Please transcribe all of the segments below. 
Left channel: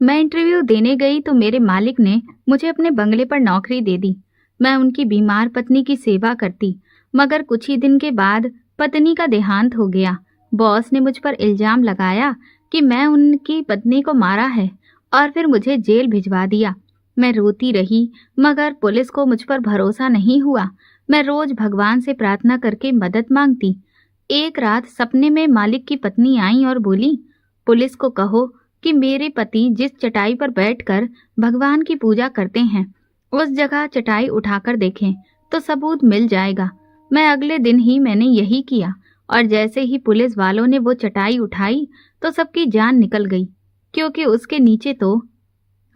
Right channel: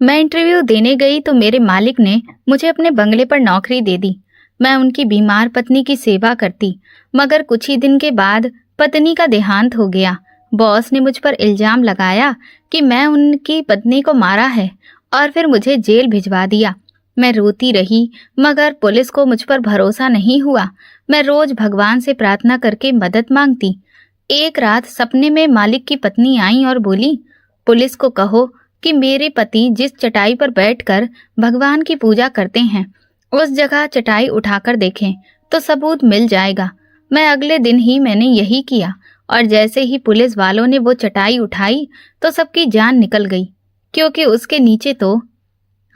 मैं इंटरव्यू देने गई तो मेरे मालिक ने मुझे अपने बंगले पर नौकरी दे दी। मैं उनकी बीमार पत्नी की सेवा करती, मगर कुछ ही दिन के बाद पत्नी का देहांत हो गया। बॉस ने मुझ पर इल्जाम लगाया कि मैं उनकी पत्नी को मारा है और फिर मुझे जेल भिजवा दिया। मैं रोती रही, मगर पुलिस को मुझ पर भरोसा नहीं हुआ। मैं रोज भगवान से प्रार्थना करके मदद मांगती। एक रात सपने में मालिक की पत्नी आई और बोली, पुलिस को कहो कि मेरे पति जिस चटाई पर बैठकर भगवान की पूजा करते हैं, उस जगह चटाई उठाकर देखें तो सबूत मिल जाएगा। मैं अगले दिन ही मैंने यही किया और जैसे ही पुलिस वालों ने वो चटाई उठाई तो सबकी जान निकल गई, क्योंकि उसके नीचे तो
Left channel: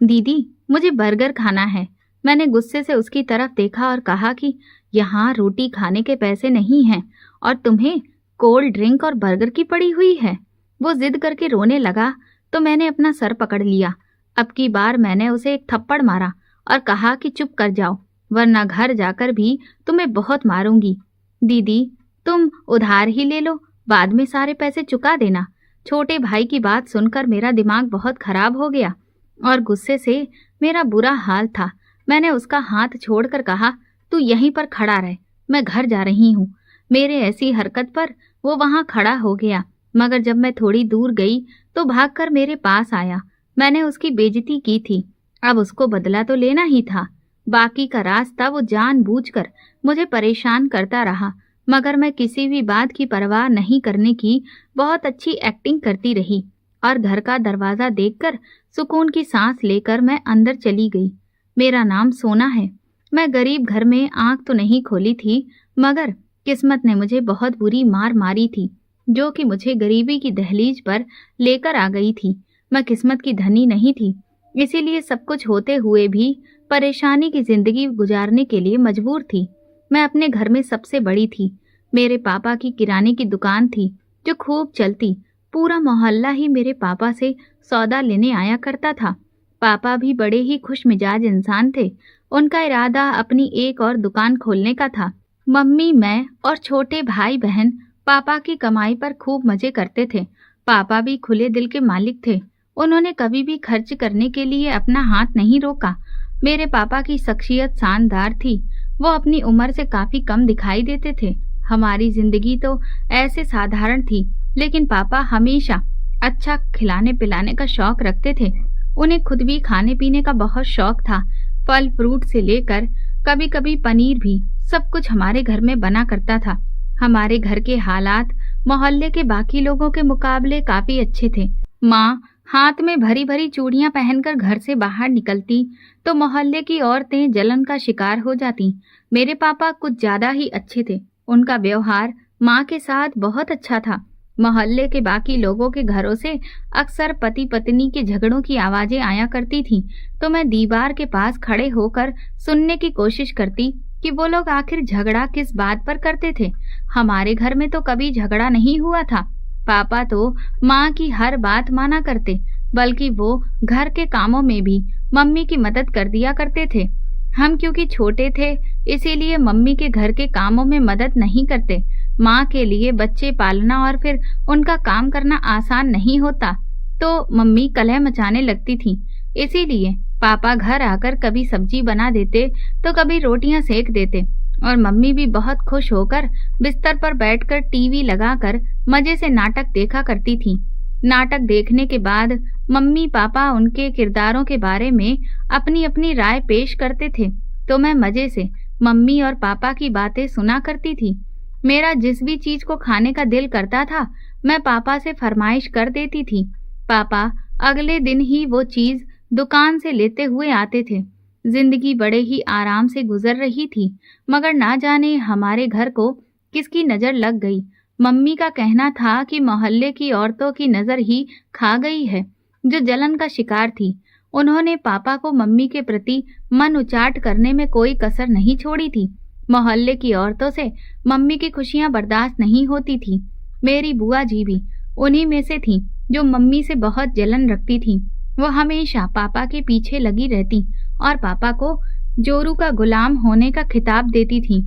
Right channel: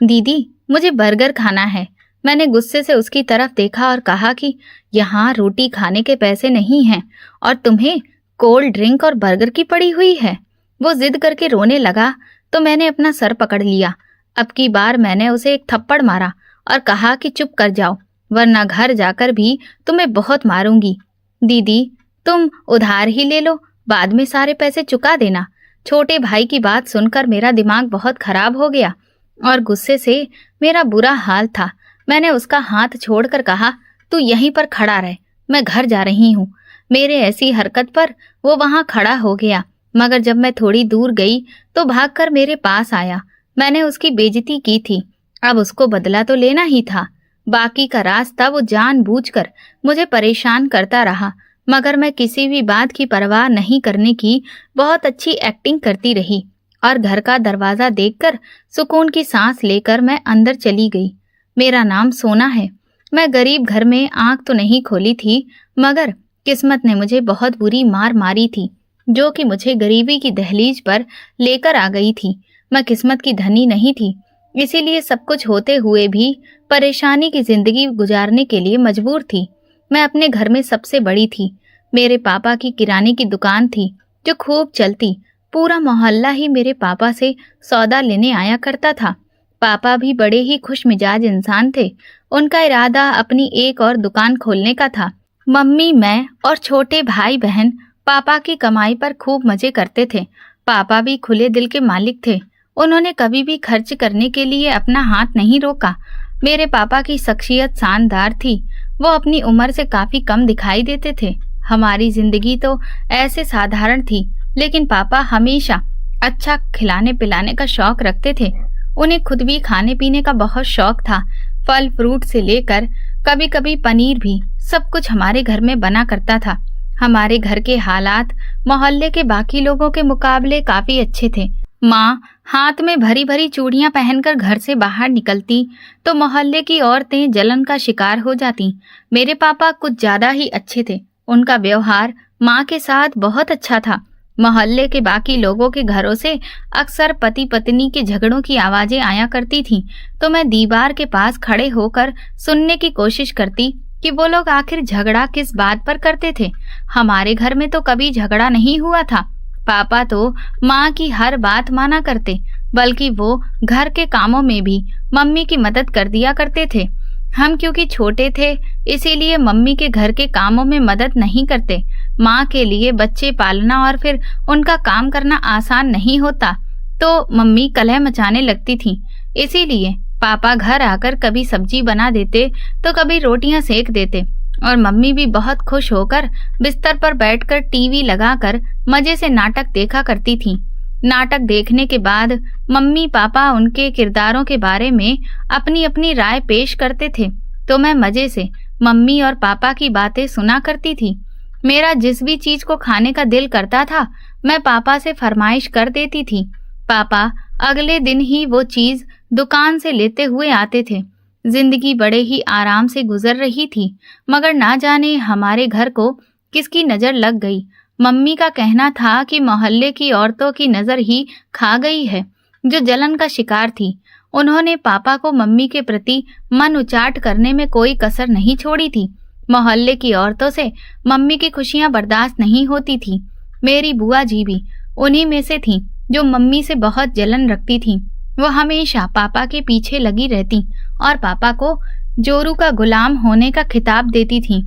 दीदी, मुझे बर्गर खाना है। मैंने गुस्से से उसकी तरफ देखा और कहा कि यहाँ रोटी खाने के पैसे नहीं हैं और तुम्हें कोल्ड ड्रिंक और बर्गर की पड़ी हुई है। वो जिद करके रोने लगा तो मैंने अपना सर पकड़ लिया। अब की बार मैंने उसे एक थप्पड़ मारा और कहा कि चुप कर जाओ, वरना घर जाकर भी तुम्हें बहुत मारूंगी। दीदी, तुम उधार ही ले लो, बाद में सारे पैसे चुका देना। छोटे भाई की बात सुनकर मेरा दिमाग बहुत खराब हो गया और गुस्से से मेरा बुरा हाल था। मैंने उसका हाथ छोड़कर कहा, तू यहीं पर खड़ा रह, मैं घर जा रही हूँ। मेरे ऐसी हरकत पर वो वहां खड़ा हो गया, मगर जब मैं थोड़ी दूर गई तो भागकर मेरे पास आया। मैंने उसकी बेइज्जती की थी, अब उसको बदला तो लेना ही था। बाकी का रास्ता वो जानबूझकर मुझे परेशान करता रहा, मगर मैं किसी भी बात की परवाह नहीं करने की बहुत अच्छी एक्टिंग करती रही और घर का दरवाजा देखकर सुकून की सांस लेकर मैं अंदर चली गई। मेरा नाम सोना है। मैं गरीब घर में आंख तो नहीं खोली थी, मगर किस्मत ने मुझे बहुत बुरी मार मारी थी, जो कि मुझे गरीबी की दहलीज पर लेकर आ गई थी। मैं किस्मत की धनी नहीं थी, इसीलिए सब कुछ होते हुए भी परेशानी की जिंदगी गुजारने के लिए मजबूर थी। मैं अपने घर में सबसे बड़ी थी। मेरे पापा की किराने की दुकान थी जो खूब चलती। पूरा मोहल्ला ही मेरे पापा से सौदा लेने आया करता था। पापा भी बड़े ही खुश मिजाज इंसान थे। उनका इरादा अपनी एक और दुकान खोलने का था। मम्मी, मैं और छोटे भाई बहन पापा की कमाई पर खूब मजे करते थे। पापा भी खुले दिल के मालिक थे। उन्होंने कभी भी खर्च करने के लिए अपना हाथ नहीं रोका। मेरे पापा की शख्सियत शानदार थी। वो अपनी उम्र से काफी कम दिखाई देते थे। हमारी जिंदगी तो ऐसे साधारण थी, लेकिन पापा हमेशा अच्छा खिलाने पिलाने का शौक रखते थे। उन्हें खुद भी खाने पीने का बहुत शौक था। फल फ्रूट से लेकर कभी कभी पनीर भी, सब कुछ हमारे घर में बना करता था। हमारे घर के हालात मोहल्ले के बाकी लोगों के मुकाबले काफी अच्छे थे। माँ हाथ में भरी भरी चूड़ियां पहनकर घर से बाहर निकलती तो मोहल्ले की औरतें जलन का शिकार हो जाती। मेरे पापा कुछ ज्यादा ही अच्छे थे। उनका व्यवहार माँ के साथ बहुत अच्छा था। मोहल्ले के बाकी लोगों के घरों से अक्सर पति पत्नी के झगड़ों की आवाजें आया करती थीं, तो मैं दीवार के पास खड़े होकर सुनने की कोशिश करती कि वो लोग आखिर झगड़ा किस बात पर करते थे। हमारे घर में तो कभी झगड़ा नहीं हुआ था। पापा तो माँ की हर बात माना करते, बल्कि वो घर के कामों में भी मम्मी की मदद कर दिया करते थे। हम क्योंकि छोटे थे, इसीलिए मम्मी के घर के कामों में मदद नहीं करते। माँ के लिए बच्चे पालना और फिर उनका काम करना आसान नहीं होता, तो मम्मी कलह मचाने लगती थी। इसीलिए पापा घर आकर कभी सब्जी बना देते तो कभी रोटियां सेक देते और मम्मी भी बहुत खुश होकर बिस्तर पर बैठकर टीवी लगाकर मजे से नाटक देखा करती थी। नाटक देखने के बाद मम्मी पापा उनके किरदारों के बारे में अपनी अपनी राय पेश करते थे, तो मैं मजे से मम्मी और पापा की बातें सुना करती थी। मेरा जिस भी चीज को खाने का दिल करता था, मैं पापा से फरमाइश कर देती थी। पापा अगले दिन ही वो चीज दुकान से लेते हुए आते थे। जिंदगी बड़े ही आराम से गुजर रही थी, मगर ना जाने हमारे घर को किसकी नजर लग गई। मम्मी का कहना था कि मोहल्ले की औरतों की नजर ही खा गई है, जो जलन का शिकार थी। उन्होंने पापा को मम्मी के प्रति मन उचाट करने में कोई कसर नहीं छोड़ी थी। मोहल्ले की औरतों से मम्मी की खुशियां बर्दाश्त नहीं होती थी। मेरी बुआ जी भी उन्हीं में से थी, जो मम्मी से बहुत जलन रखती थी। वो हमेशा पापा के पीछे लगी रहती और पापा को जोरू का गुलाम होने का खिताब देती थी,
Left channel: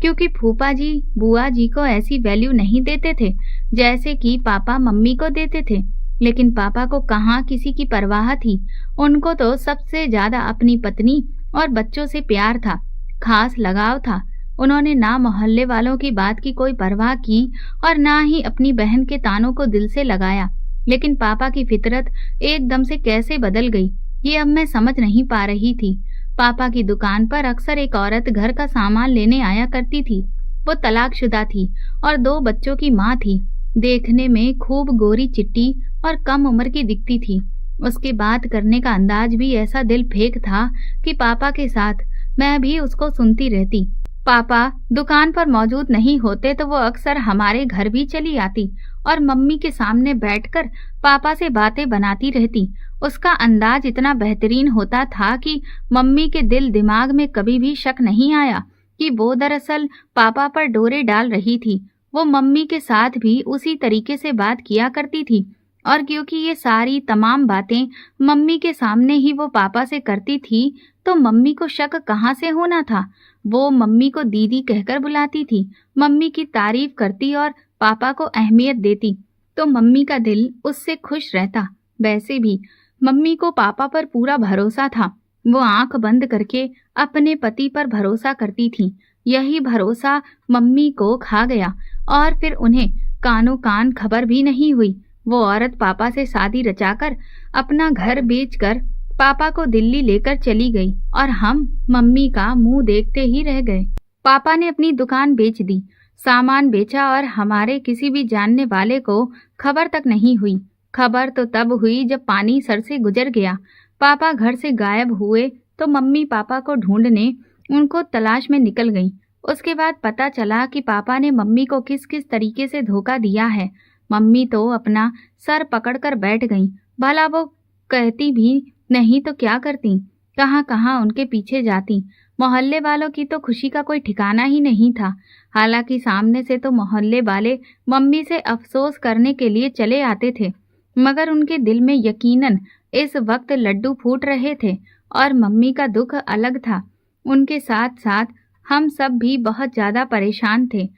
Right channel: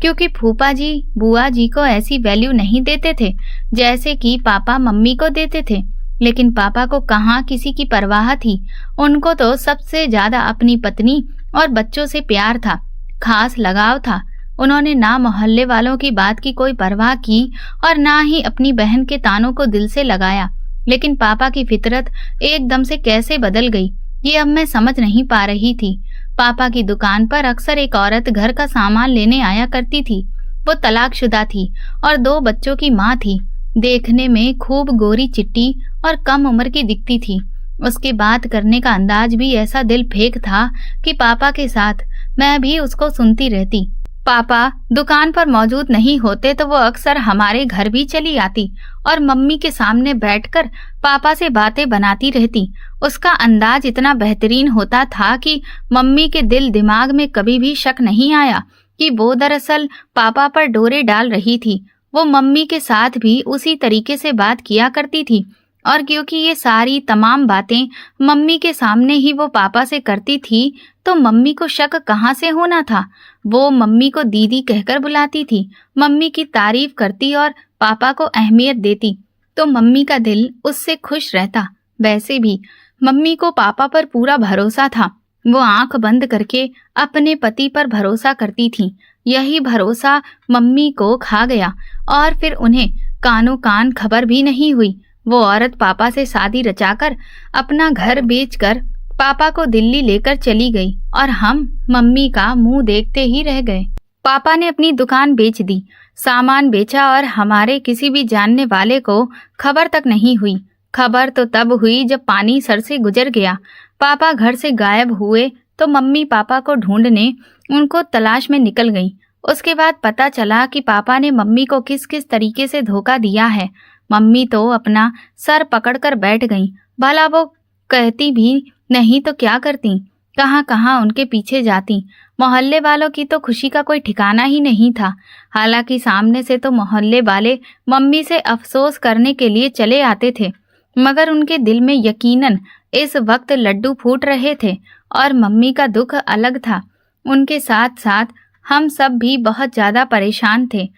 क्योंकि फूफा जी बुआ जी को ऐसी वैल्यू नहीं देते थे जैसे कि पापा मम्मी को देते थे। लेकिन पापा को कहाँ किसी की परवाह थी। उनको तो सबसे ज्यादा अपनी पत्नी और बच्चों से प्यार था, खास लगाव था। उन्होंने ना मोहल्ले वालों की बात की कोई परवाह की और ना ही अपनी बहन के तानों को दिल से लगाया। लेकिन पापा की फितरत एकदम से कैसे बदल गई, ये अब मैं समझ नहीं पा रही थी। पापा की दुकान पर अक्सर एक औरत घर का सामान लेने आया करती थी। वो तलाकशुदा थी और 2 बच्चों की माँ थी। देखने में खूब गोरी चिट्टी और कम उम्र की दिखती थी। उसकी बात करने का अंदाज भी ऐसा दिल फेंक था कि पापा के साथ मैं भी उसको सुनती रहती। पापा दुकान पर मौजूद नहीं होते तो वो अक्सर हमारे घर भी चली आती और मम्मी के सामने बैठकर पापा से बातें बनाती रहती। उसका अंदाज इतना बेहतरीन होता था कि मम्मी के दिल दिमाग में कभी भी शक नहीं आया कि वो दरअसल पापा पर डोरे डाल रही थी। वो मम्मी के साथ भी उसी तरीके से बात किया करती थी और क्योंकि ये सारी तमाम बातें मम्मी के सामने ही वो पापा से करती थी तो मम्मी को शक कहाँ से होना था। वो मम्मी को दीदी कहकर बुलाती थी, मम्मी की तारीफ करती और पापा को अहमियत देती तो मम्मी का दिल उससे खुश रहता। वैसे भी मम्मी को पापा पर पूरा भरोसा था। वो आंख बंद करके अपने पति पर भरोसा करती थी। यही भरोसा मम्मी को खा गया और फिर उन्हें कानों कान खबर भी नहीं हुई। वो औरत पापा से शादी रचाकर अपना घर बेचकर पापा को दिल्ली लेकर चली गई और हम मम्मी का मुंह देखते ही रह गए। पापा ने अपनी दुकान बेच दी, सामान बेचा और हमारे किसी भी जानने वाले को खबर तक नहीं हुई। खबर तो तब हुई जब पानी सर से गुजर गया। पापा घर से गायब हुए तो मम्मी पापा को ढूंढने उनको तलाश में निकल गई। उसके बाद पता चला कि पापा ने मम्मी को किस किस तरीके से धोखा दिया है। मम्मी तो अपना सर पकड़कर बैठ गई। भला वो कहती भी नहीं तो क्या करती, कहाँ कहाँ उनके पीछे जाती। मोहल्ले वालों की तो खुशी का कोई ठिकाना ही नहीं था। हालांकि सामने से तो मोहल्ले वाले मम्मी से अफसोस करने के लिए चले आते थे, मगर उनके दिल में यकीनन इस वक्त लड्डू फूट रहे थे और मम्मी का दुख अलग था। उनके साथ साथ हम सब भी बहुत ज़्यादा परेशान थे।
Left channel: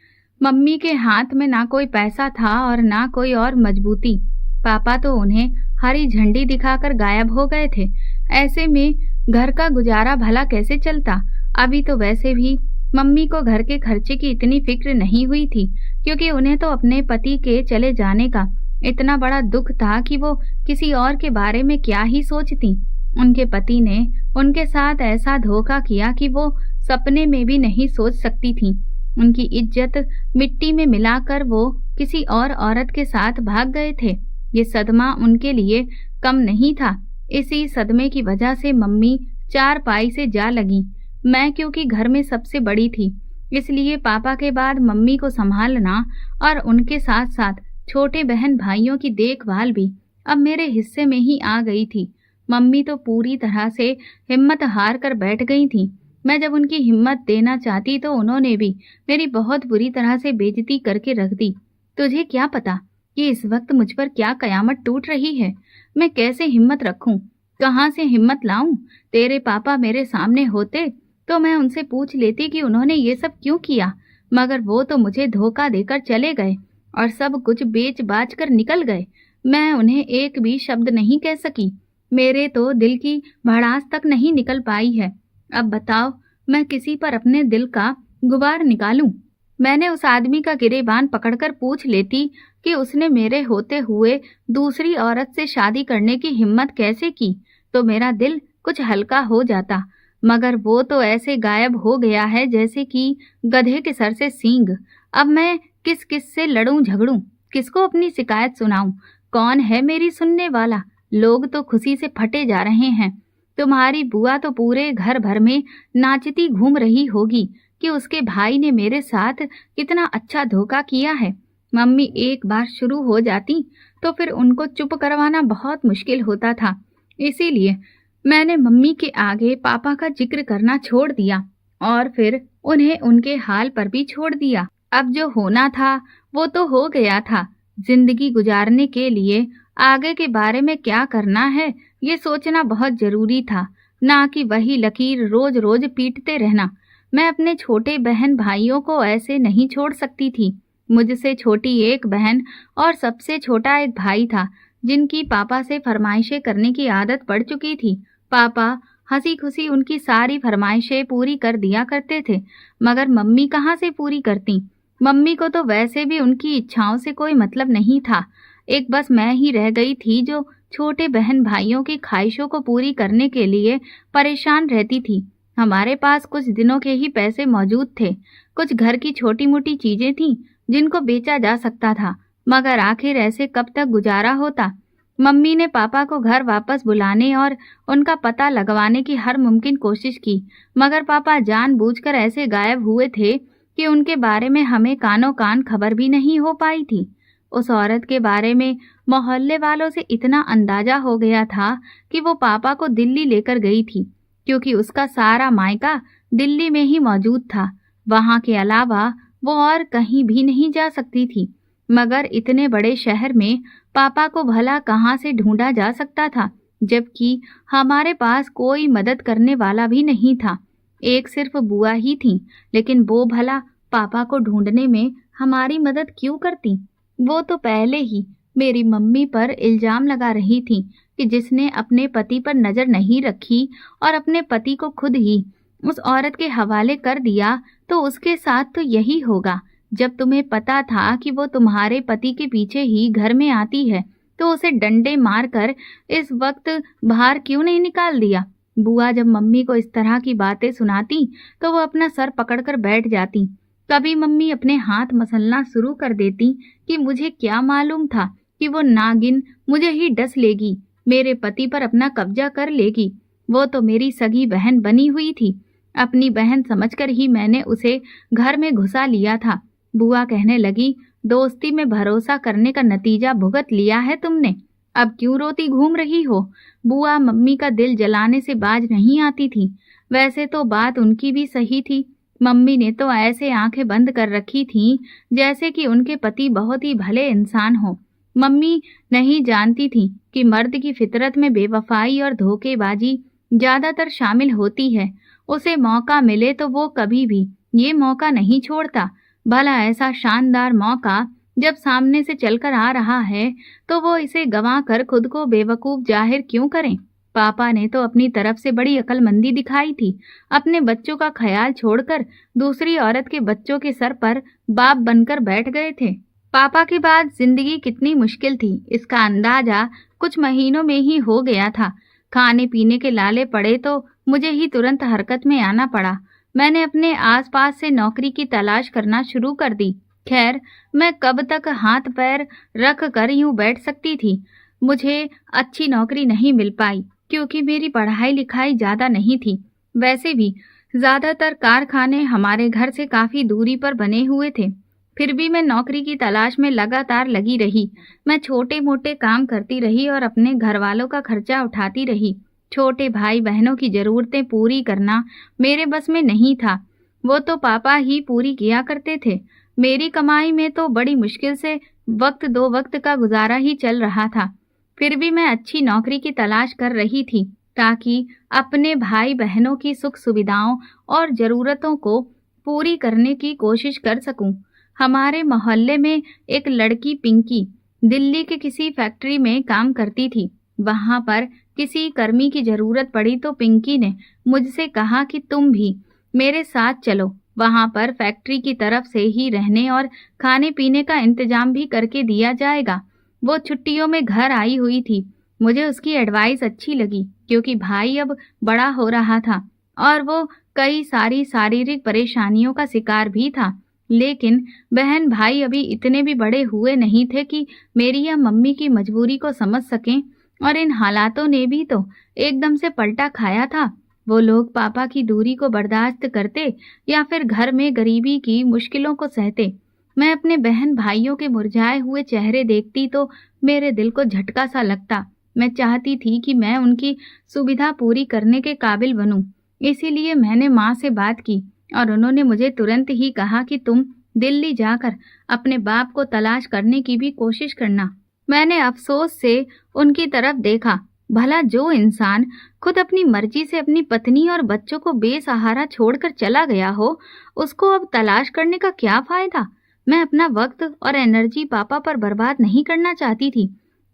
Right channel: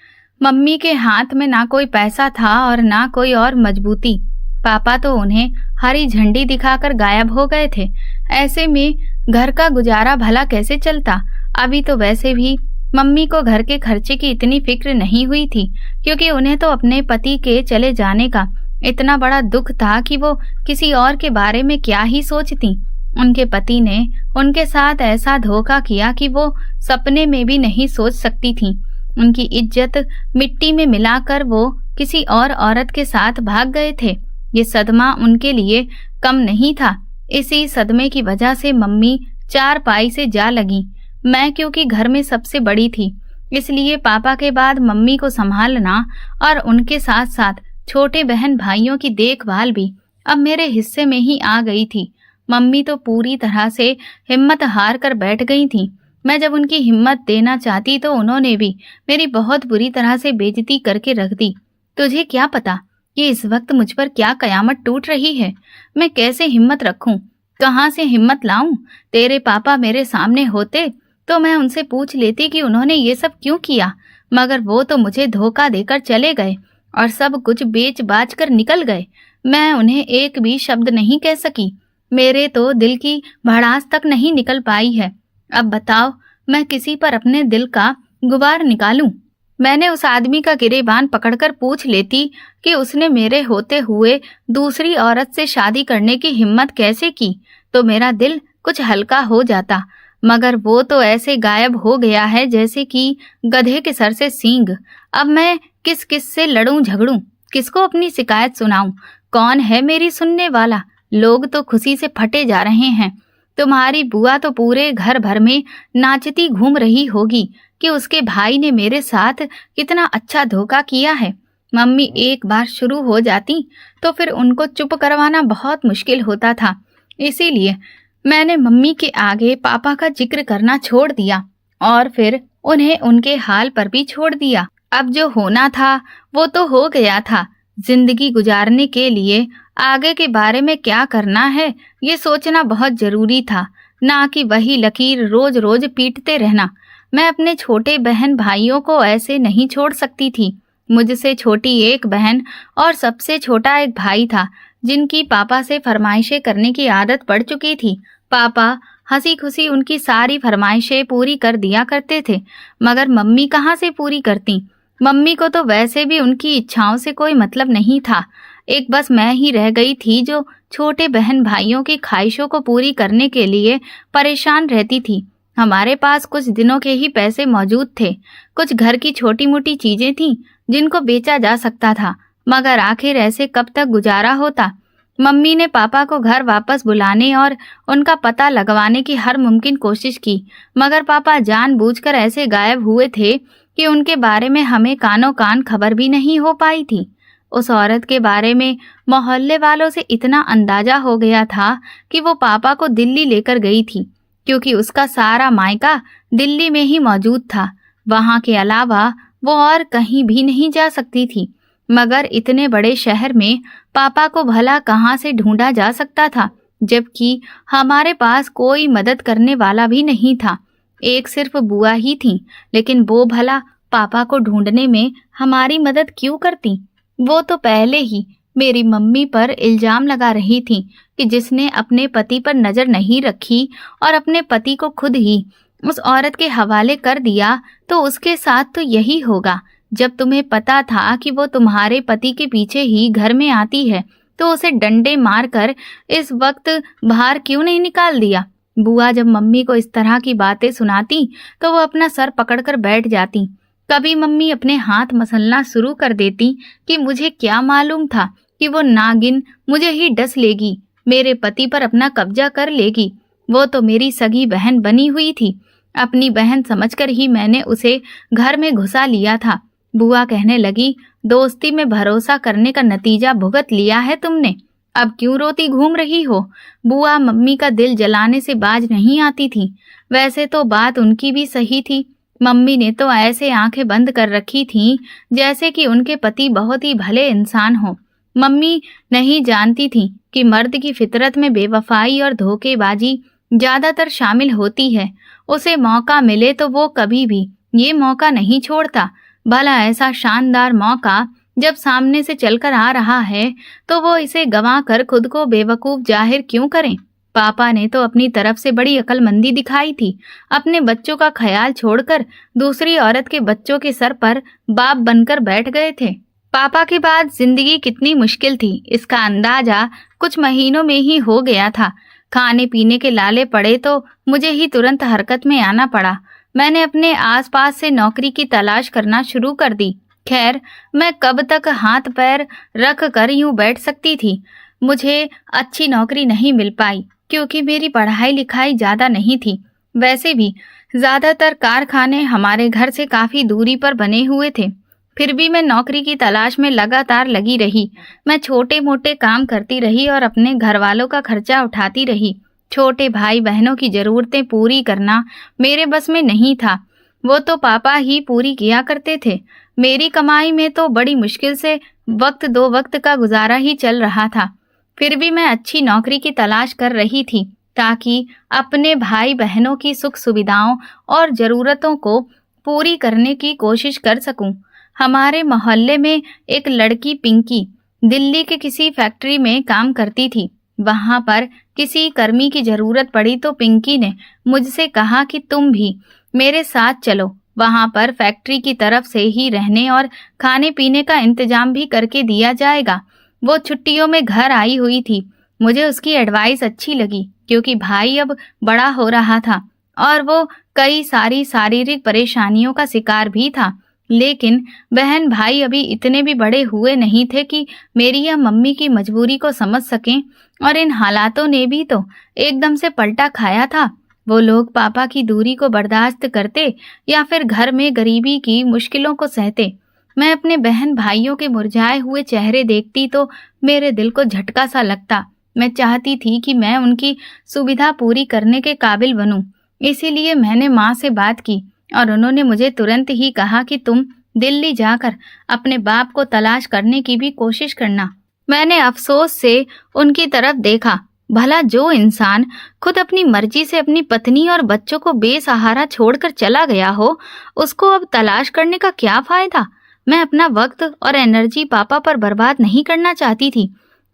मम्मी के हाथ में ना कोई पैसा था और ना कोई और मजबूती। पापा तो उन्हें हरी झंडी दिखाकर गायब हो गए थे। ऐसे में घर का गुजारा भला कैसे चलता। अभी तो वैसे भी मम्मी को घर के खर्चे की इतनी फिक्र नहीं हुई थी, क्योंकि उन्हें तो अपने पति के चले जाने का इतना बड़ा दुख था कि वो किसी और के बारे में क्या ही सोचती। उनके पति ने उनके साथ ऐसा धोखा किया कि वो सपने में भी नहीं सोच सकती थी। उनकी इज्जत मिट्टी में मिलाकर वो किसी और औरत के साथ भाग गए थे। ये सदमा उनके लिए कम नहीं था। इसी सदमे की वजह से मम्मी चारपाई से जा लगी। मैं क्योंकि घर में सबसे बड़ी थी, इसलिए पापा के बाद मम्मी को संभालना और उनके साथ साथ छोटे बहन भाइयों की देखभाल भी अब मेरे हिस्से में ही आ गई थी। मम्मी तो पूरी तरह से हिम्मत हार कर बैठ गई थी। मैं जब उनकी हिम्मत देना चाहती तो उन्होंने भी मेरी बहुत बुरी तरह से बेइज्जती करके रख दी। तुझे क्या पता कि इस वक्त मुझ पर क्या कयामत टूट रही है। मैं कैसे हिम्मत रखूं, कहाँ से हिम्मत लाऊं। तेरे पापा मेरे सामने होते तो मैं उनसे पूछ लेती कि उन्होंने ये सब क्यों किया, मगर वो तो मुझे धोखा देकर चले गए और सब कुछ बेच बाच कर निकल गए। मैं उन्हें एक भी शब्द नहीं कह सकी। मेरे तो दिल की भड़ास तक नहीं निकल पाई है। अब बताओ मैं किसी पर अपने दिल का गुबार निकालूं। मैंने उस आदमी का गिरेबान पकड़कर पूछ लेती कि उसने मेरे होते हुए दूसरी औरत से शादी करने की हिम्मत कैसे की, तो मेरा दिल कुछ हल्का हो जाता। मगर वो तो ऐसे गायब हो गया है जैसे कि गधे के सर से सींग। अब मैं किस किस से लड़ूं झगड़ूं, किसको अपनी शिकायत सुनाऊं, कौन है मेरी सुनने वाला। लोग तो खुशी से फटे जा रहे हैं। तुम्हारी बुआ तो पूरे घर भर में नाचती घूम रही होगी कि उसके भाई ने मेरे साथ कितना अच्छा धोखा किया है। मम्मी एक बार शुरू हो जाती तो फिर उनको चुप करवाना बहुत मुश्किल होता था। इसीलिए मैंने मम्मी के आगे पापा का जिक्र करना छोड़ दिया और फिर उन्हें उनके हाल पर भी छोड़ दिया। अब जो होना था वो तो हो गया था। जिंदगी गुजारने के लिए आगे के बारे में क्या करना है ये सोचना बहुत जरूरी था, ना कि वही लकीर रोज रोज पीटते रहना। मैं अपने छोटे बहन भाइयों को ऐसे नहीं छोड़ सकती थी। मुझसे छोटी एक बहन और सबसे छोटा एक भाई था, जिनकी पापा से फरमाइशें करने की आदत पड़ चुकी थी। पापा हंसी खुशी उनकी सारी फरमाइशें पूरी कर दिया करते थे, मगर मम्मी कहाँ से पूरी करती। मम्मी को तो वैसे भी उनकी इच्छाओं से कोई मतलब नहीं था। एक बस मैं ही रह गई थी जो छोटे बहन भाइयों की ख्वाहिशों को पूरी करने के लिए परेशान रहती थी। हमारे पास कुछ दिनों के ही पैसे मौजूद थे। कुछ घर की छोटी मोटी चीजें थीं जिनको बेचा जा सकता था, मगर आखिर ऐसे कब तक गुजारा होता। मम्मी ने पापा को घर वापस बुलाने और उनका पता लगवाने की हर मुमकिन कोशिश की, मगर पापा जानबूझकर ऐसे गायब हुए थे कि उनके बारे में हमें कानों कान खबर भी नहीं हो पाई थी। उस औरत के बारे में मोहल्ले वालों से इतना अंदाजा हो गया था कि वो पापा को दिल्ली लेकर गई थी, क्योंकि उसका सारा मायका दिल्ली में ही मौजूद था। वहां के अलावा वो और कहीं भी नहीं जा सकती थी। मगर इतने बड़े शहर में पापा को भला कहाँ से ढूंढा जा सकता था, जबकि हमारे पास कोई मदद करने वाला भी नहीं था। एक सिर्फ बुआ ही थी, लेकिन वो भला पापा को ढूंढने में हमारी मदद क्यों करती। वो तो पहले ही मेरी मम्मी पर इल्जाम लगा रही थी कि जिसने अपने पति पर नजर नहीं रखी और अपने पति को खुद ही उस औरत के हवाले कर दिया, तो उसके साथ तो यही होगा। जब तुम्हें पता था कि वो तुम्हारे पति के पीछे ही घर में आती है, तो उसे डंडे मारकर इस वक्त बाहर क्यों नहीं निकाल दिया। बुआ जब मम्मी को इस तरह की बातें सुनाती तो वो अपना सर पकड़कर बैठ जाती। कभी मम्मी अपने हाथ मसलना शुरू कर देती कि मुझे क्या मालूम था कि वो नागिन मुझे ही डस लेगी, मेरे पति पर अपना कब्जा कर लेगी। वो तो मेरी सगी बहन बनी हुई थी। अपनी बहन समझकर ही मैंने उसे घर में घुसा लिया था। बुआ कहने लगी, दोस्ती में भरोसा करने का नतीजा भुगत लिया है तुमने। अब क्यों रोती घूम रही हो। बुआ मम्मी का दिल जलाने से बाज नहीं आती थी। वैसे तो बात उनकी भी सही थी। मम्मी ने तो ऐसे आंखें बंद कर रखी थीं जैसे कि उनके पति बहुत ही भले इंसान हो। मम्मी नहीं जानती थी कि मर्द की फितरत में बेवफाई और धोखेबाजी ज्यादातर शामिल होती है। उसे मौका मिले तो वो कभी भी ये मौका नहीं छोड़ता। भला ऐसा शानदार मौका जब सामने से चलकर आ रहा है तो वो इसे गंवा कर खुद को बेवकूफ जाहिर क्यों करें। पापा ने तो अपनी तरफ से बड़ी अक्लमंदी दिखाई थी। अपने बच्चों का ख्याल छोड़कर दूसरी औरत के बच्चों के सर पर बाप बनकर बैठ गए थे। पापा के बाद जिंदगी कितनी मुश्किल थी, इसका अंदाजा कुछ महीनों में ही हो गया था। खाने पीने के लाले पड़े तो मुझे ही तुरंत हरकत में आना पड़ा। मैंने अपने आसपास से नौकरी की तलाश करना शुरू कर दी। खैर, मैं कब तक हाथ पैर रख कर यूं बैठ सकती थी। मुझे अच्छी नौकरी नहीं मिल पाई क्योंकि मेरी पढ़ाई लिखाई ज़्यादा नहीं थी। वैसे भी ज़्यादातर कारखाने हमारे घर से काफ़ी दूरी पर बने हुए थे। फिर भी मैं नौकरी की तलाश में लगातार लगी रही। मैं छोटे मोटे काम करती रही और अपने घर वालों का खर्चा उठाती रही। छोटे भाई बहनों की ज़रूरतें पूरी करना मेरे बस में नहीं था, वो तो पापा ही पूरी किया करते थे। मेरी कमाई में तो बड़ी मुश्किल से वक्त दो वक्त का गुजारा ही चल रहा था। फिर भी मैं अच्छी नौकरी की तलाश कर रही थी ताकि अपने भाई बहनों की सुख सुविधाओं और ज़रूरतों को पूरी करने की कोशिश कर सकूं। हमारे मोहल्ले में एक लड़की पिंकी दिल्ली के किसी फैक्ट्री में काम करती थी। वहां पर किसी कर्मी की ज़रूरत पड़ी तो पिंकी ने मुझसे कहा कि तुम भी मेरे साथ चलो। वहां पर फैक्ट्री की तरफ से ही रहने और खाने पीने का इंतजाम भी करके दिया जाएगा। वो छुट्टियों में घर आई हुई थी। मुझे उसकी एडवाइस अच्छी लगी क्योंकि भाई अब बड़ा हो रहा था और वो कई सारी शारीरिक परेशानियों का शिकार भी था। लेकिन बहन भाई अभी इतने भी बड़े हुए नहीं थे कि मेरी या मम्मी की मजबूरी को समझ सकें, और इन हालातों ने भी तो एकदम से पलटा खाया था। वो लोग पापा की दूरी को बर्दाश्त करते या फिर घर में गरीबी की मुश्किलों को सहते। मैं अपने बहन भाइयों के मुरझाए हुए चेहरे देखती तो मेरे दिल को झटका सा लगता। मैं चाहती थी कि मैं उनकी सुविधा पूरी करने के काबिल बनूं। इसीलिए मैंने माँ से बात की और उन्होंने मुझे तुरंत ही कहा कि तुम दिल्ली जाकर अपने बाप को तलाश करने की भी कोशिश करना। मैंने अफसोस से उनकी तरफ देखा। भला जो इंसान खुद अपनी मर्जी से अपनी पत्नी और बच्चों को बेसहारा छोड़कर चला गया हो, उसको अब तलाश करने का क्या फायदा। मैं अपना वक्त और एनर्जी पापा पर बर्बाद नहीं करना चाहती थी।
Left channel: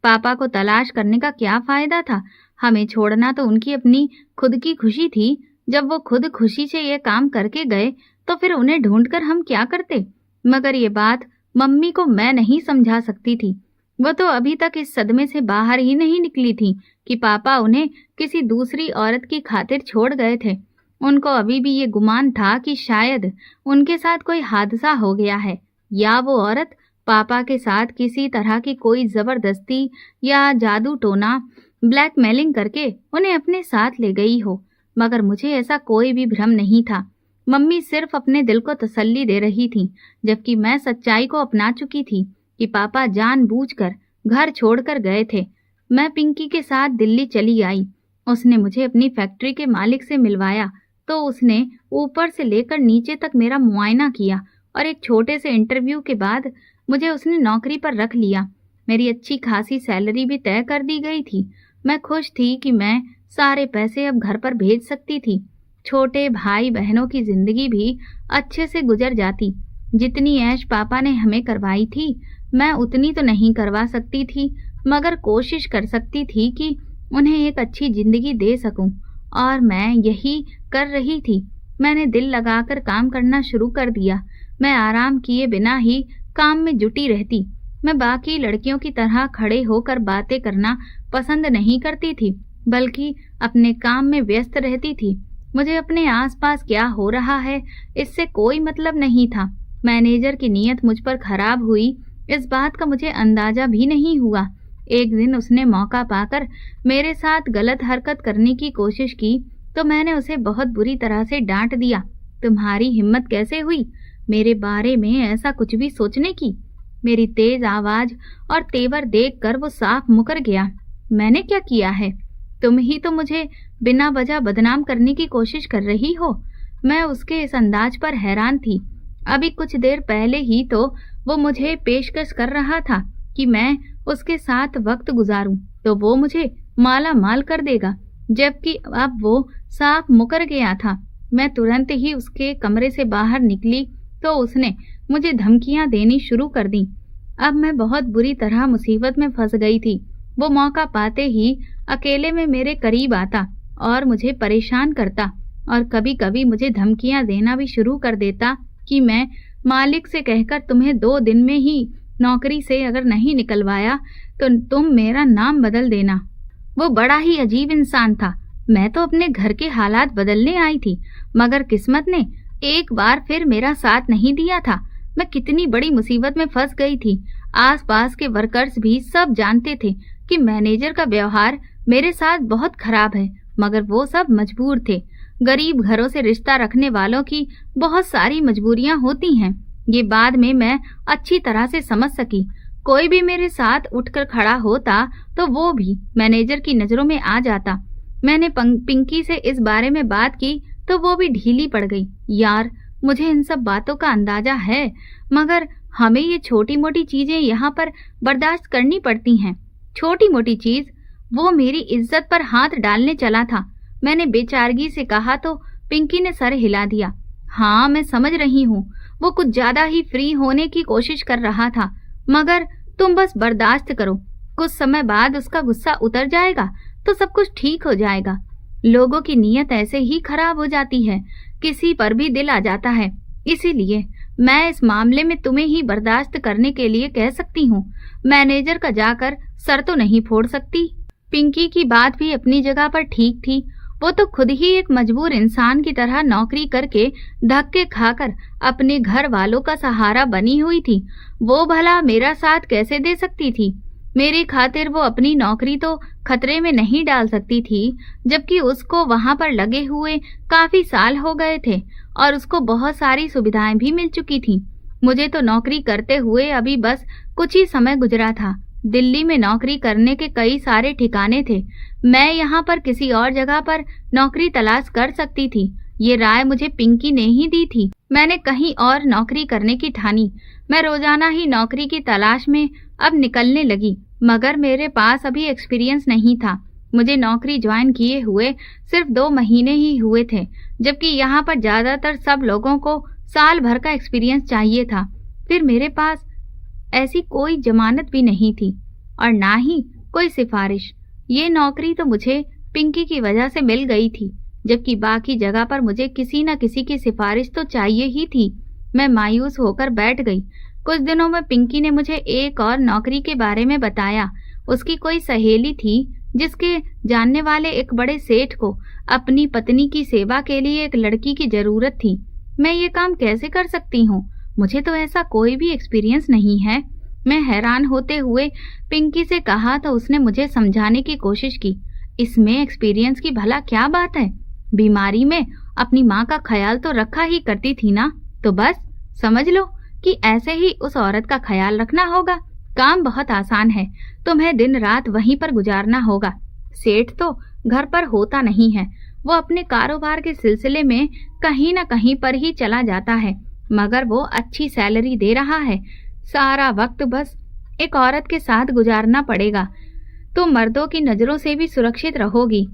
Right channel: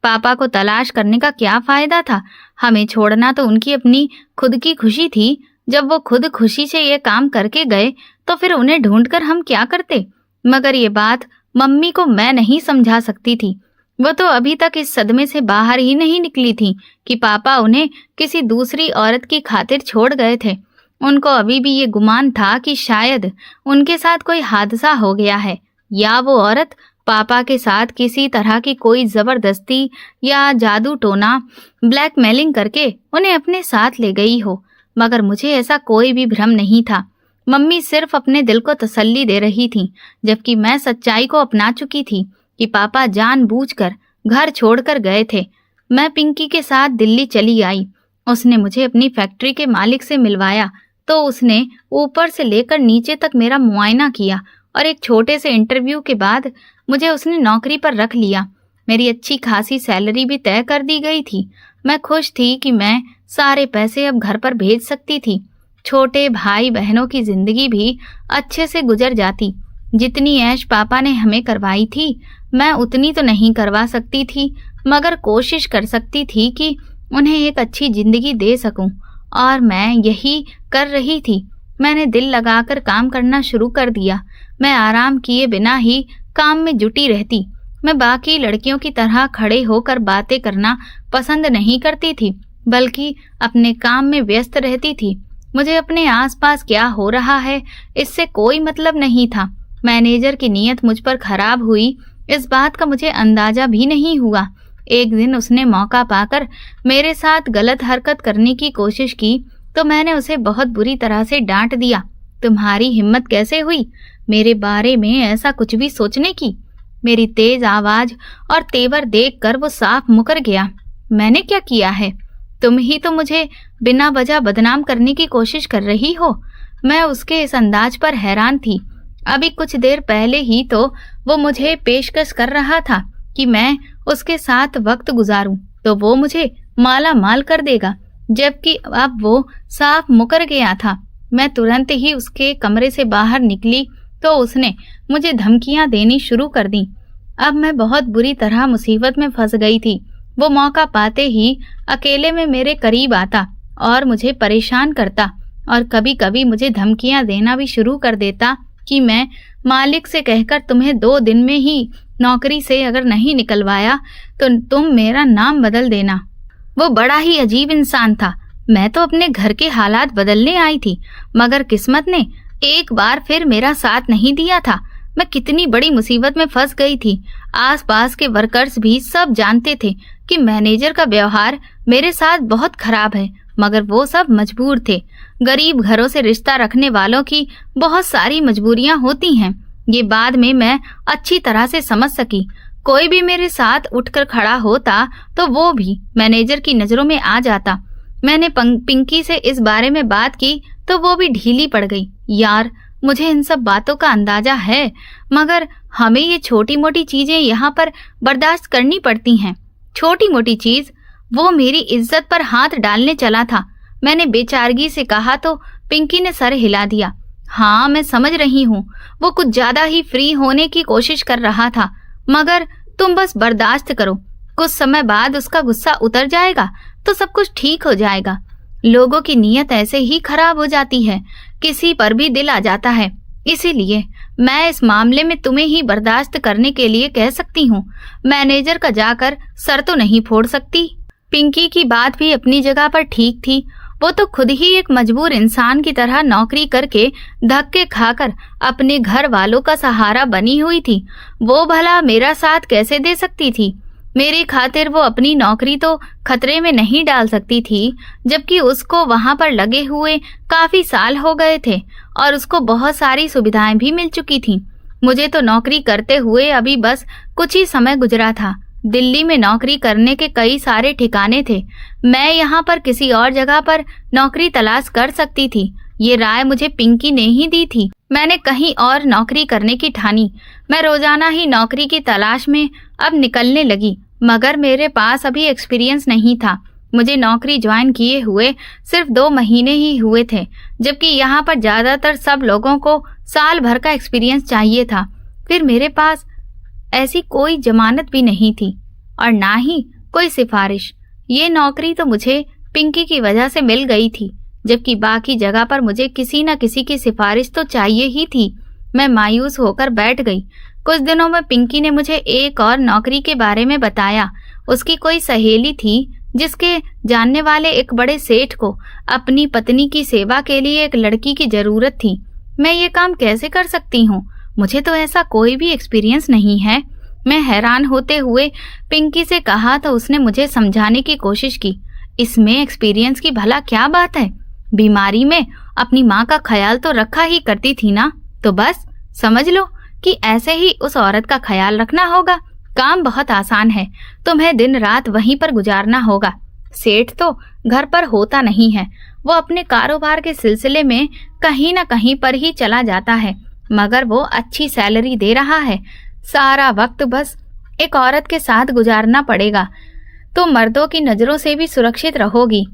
पापा को तलाश करने का क्या फायदा था? हमें छोड़ना तो उनकी अपनी खुद की खुशी थी। जब वो खुद खुशी से ये काम करके गए तो फिर उन्हें ढूंढकर हम क्या करते? मगर ये बात मम्मी को मैं नहीं समझा सकती थी। वो तो अभी तक इस सदमे से बाहर ही नहीं निकली थी कि पापा उन्हें किसी दूसरी औरत की खातिर छोड़ गए थे। उनको अभी भी ये गुमान था कि शायद उनके साथ कोई हादसा हो गया है, या वो औरत पापा के साथ किसी तरह की कोई जबरदस्ती या जादू टोना ब्लैकमेलिंग करके उन्हें अपने साथ ले गई हो। मगर मुझे ऐसा कोई भी भ्रम नहीं था। मम्मी सिर्फ अपने दिल को तसल्ली दे रही थी, जबकि मैं सच्चाई को अपना चुकी थी कि पापा जानबूझकर घर छोड़कर गए थे। मैं पिंकी के साथ दिल्ली चली आई। उसने मुझे अपनी फैक्ट्री के मालिक से मिलवाया तो उसने ऊपर से लेकर नीचे तक मेरा मुआयना किया और एक छोटे से इंटरव्यू के बाद मुझे उसने नौकरी पर रख लिया। मेरी अच्छी खासी सैलरी भी तय कर दी गई थी। मैं खुश थी कि मैं सारे पैसे अब घर पर भेज सकती थी। छोटे भाई बहनों की जिंदगी भी अच्छे से गुजर जाती। जितनी ऐश पापा ने हमें करवाई थी मैं उतनी तो नहीं करवा सकती थी, मगर कोशिश कर सकती थी कि उन्हें एक अच्छी जिंदगी दे सकूं, और मैं यही कर रही थी। मैंने दिल लगाकर काम करना शुरू कर दिया। मैं आराम किए बिना ही काम में जुटी रहती। मैं बाकी लड़कियों की तरह खड़े होकर बातें करना पसंद नहीं करती थी, बल्कि अपने काम में व्यस्त रहती थी। मुझे अपने आसपास क्या हो रहा है इससे कोई मतलब नहीं था। मैनेजर की नीयत मुझ पर खराब हुई इस बात का मुझे अंदाजा भी नहीं हुआ। एक दिन उसने मौका पाकर मेरे साथ गलत हरकत करने की कोशिश की तो मैंने उसे बहुत बुरी तरह से डांट दिया। तुम्हारी हिम्मत कैसे हुई मेरे बारे में ऐसा कुछ भी सोचने की? मेरी तेज आवाज और तेवर देखकर वो साफ मुकर गया। मैंने क्या किया है? तुम ही तो मुझे बिना वजह बदनाम करने की कोशिश कर रही हो। मैं उसके इस अंदाज पर हैरान थी। अभी कुछ देर पहले ही तो वो मुझे पेशकश कर रहा था कि मैं उसके साथ वक्त गुजारूं तो वो मुझे माला माल कर देगा, जबकि अब वो साफ मुकर गया था। मैं तुरंत ही उसके कमरे से बाहर निकली तो उसने मुझे धमकियां देनी शुरू कर दी। अब मैं बहुत बुरी तरह मुसीबत में फंस गई थी। वो मौका पाते ही अकेले में मेरे करीब आता और मुझे परेशान करता, और कभी कभी मुझे धमकियां देना भी शुरू कर देता कि मैं मालिक से कहकर तुम्हें 2 दिन में ही नौकरी से अगर नहीं निकलवाया तो तुम मेरा नाम बदल देना। वो बड़ा ही अजीब इंसान था। मैं तो अपने घर के हालात बदलने आई थी, मगर किस्मत ने एक बार फिर मेरा साथ नहीं दिया था। मैं कितनी बड़ी मुसीबत में फंस गई थी। आसपास के वर्कर्स भी सब जानते थे कि मैनेजर का व्यवहार मेरे साथ बहुत खराब है, मगर वो सब मजबूर थे। गरीब घरों से रिश्ता रखने वालों की बहुत सारी मजबूरियां होती हैं। ये बाद में मैं अच्छी तरह से समझ सकी। कोई भी मेरे साथ उठकर खड़ा होता तो वो भी मैनेजर की नजरों में आ जाता। मैंने पिंकी से इस बारे में बात की तो वो भी ढीली पड़ गई। यार, मुझे इन सब बातों का अंदाजा है, मगर हमें ये छोटी मोटी चीजें यहाँ पर बर्दाश्त करनी पड़ती हैं। छोटी मोटी चीज? वो मेरी इज्जत पर हाथ डालने चला था। मैंने बेचारगी से कहा तो पिंकी ने सर हिला दिया। हाँ, मैं समझ रही हूँ, वो कुछ ज्यादा ही फ्री होने की कोशिश कर रहा था, मगर तुम बस बर्दाश्त करो। कुछ समय बाद उसका गुस्सा उतर जाएगा तो सब कुछ ठीक हो जाएगा। लोगों की नीयत ऐसे ही खराब हो जाती है, किसी पर भी दिल आ जाता है। इसीलिए मैं इस मामले में तुम्हें ही बर्दाश्त करने के लिए कह सकती हूँ। मैनेजर का जाकर सर तो नहीं फोड़ सकती। पिंकी की बात भी अपनी जगह पर ठीक थी। वो तो खुद ही एक मजबूर इंसान की तरह नौकरी करके धक्के खाकर अपने घर वालों का सहारा बनी हुई थी। वो भला मेरा साथ कैसे दे सकती थी? मेरी खातिर वो अपनी नौकरी तो खतरे में नहीं डाल सकती थी, जबकि उसको वहां पर लगे हुए काफी साल हो गए थे और उसको बहुत सारी सुविधाएं भी मिल चुकी थी। मुझे तो नौकरी करते हुए अभी बस कुछ ही समय गुजरा था। दिल्ली में नौकरी करने के कई सारे ठिकाने थे। मैं यहाँ पर किसी और जगह पर नौकरी तलाश कर सकती थी। ये राय मुझे पिंकी ने ही दी थी। मैंने कहीं और नौकरी करने की ठानी। मैं रोजाना ही नौकरी की तलाश में अब निकलने लगी, मगर मेरे पास अभी एक्सपीरियंस नहीं था। मुझे नौकरी ज्वाइन किए हुए सिर्फ 2 महीने ही हुए थे, जबकि यहाँ पर ज्यादातर सब लोगों को साल भर का एक्सपीरियंस चाहिए था। फिर मेरे पास ऐसी कोई जमानत भी नहीं थी और ना ही कोई सिफारिश। ये नौकरी तो मुझे पिंकी की वजह से मिल गई थी, जबकि बाकी जगह पर मुझे किसी न किसी की सिफारिश तो चाहिए ही थी। मैं मायूस होकर बैठ गई। कुछ दिनों में पिंकी ने मुझे एक और नौकरी के बारे में बताया। उसकी कोई सहेली थी जिसके जानने वाले एक बड़े सेठ को अपनी पत्नी की सेवा के लिए एक लड़की की जरूरत थी। मैं ये काम कैसे कर सकती हूँ? मुझे तो ऐसा कोई भी एक्सपीरियंस नहीं है। मैं हैरान होते हुए पिंकी से कहा तो उसने मुझे समझाने की कोशिश की। इसमें एक्सपीरियंस की भला क्या बात है? बीमारी में अपनी माँ का ख्याल तो रखा ही करती थी ना, तो बस समझ लो कि ऐसे ही उस औरत का ख्याल रखना होगा। काम बहुत आसान है, तुम्हें दिन रात वहीं पर गुजारना होगा। सेठ तो घर पर होता नहीं है, वो अपने कारोबार के सिलसिले में कहीं न कहीं पर ही चला जाता है, मगर वो अच्छी सैलरी दे रहा है। सारा वक्त बस एक औरत के साथ गुजारना पड़ेगा तो मर्दों की नजरों से भी सुरक्षित रहोगी।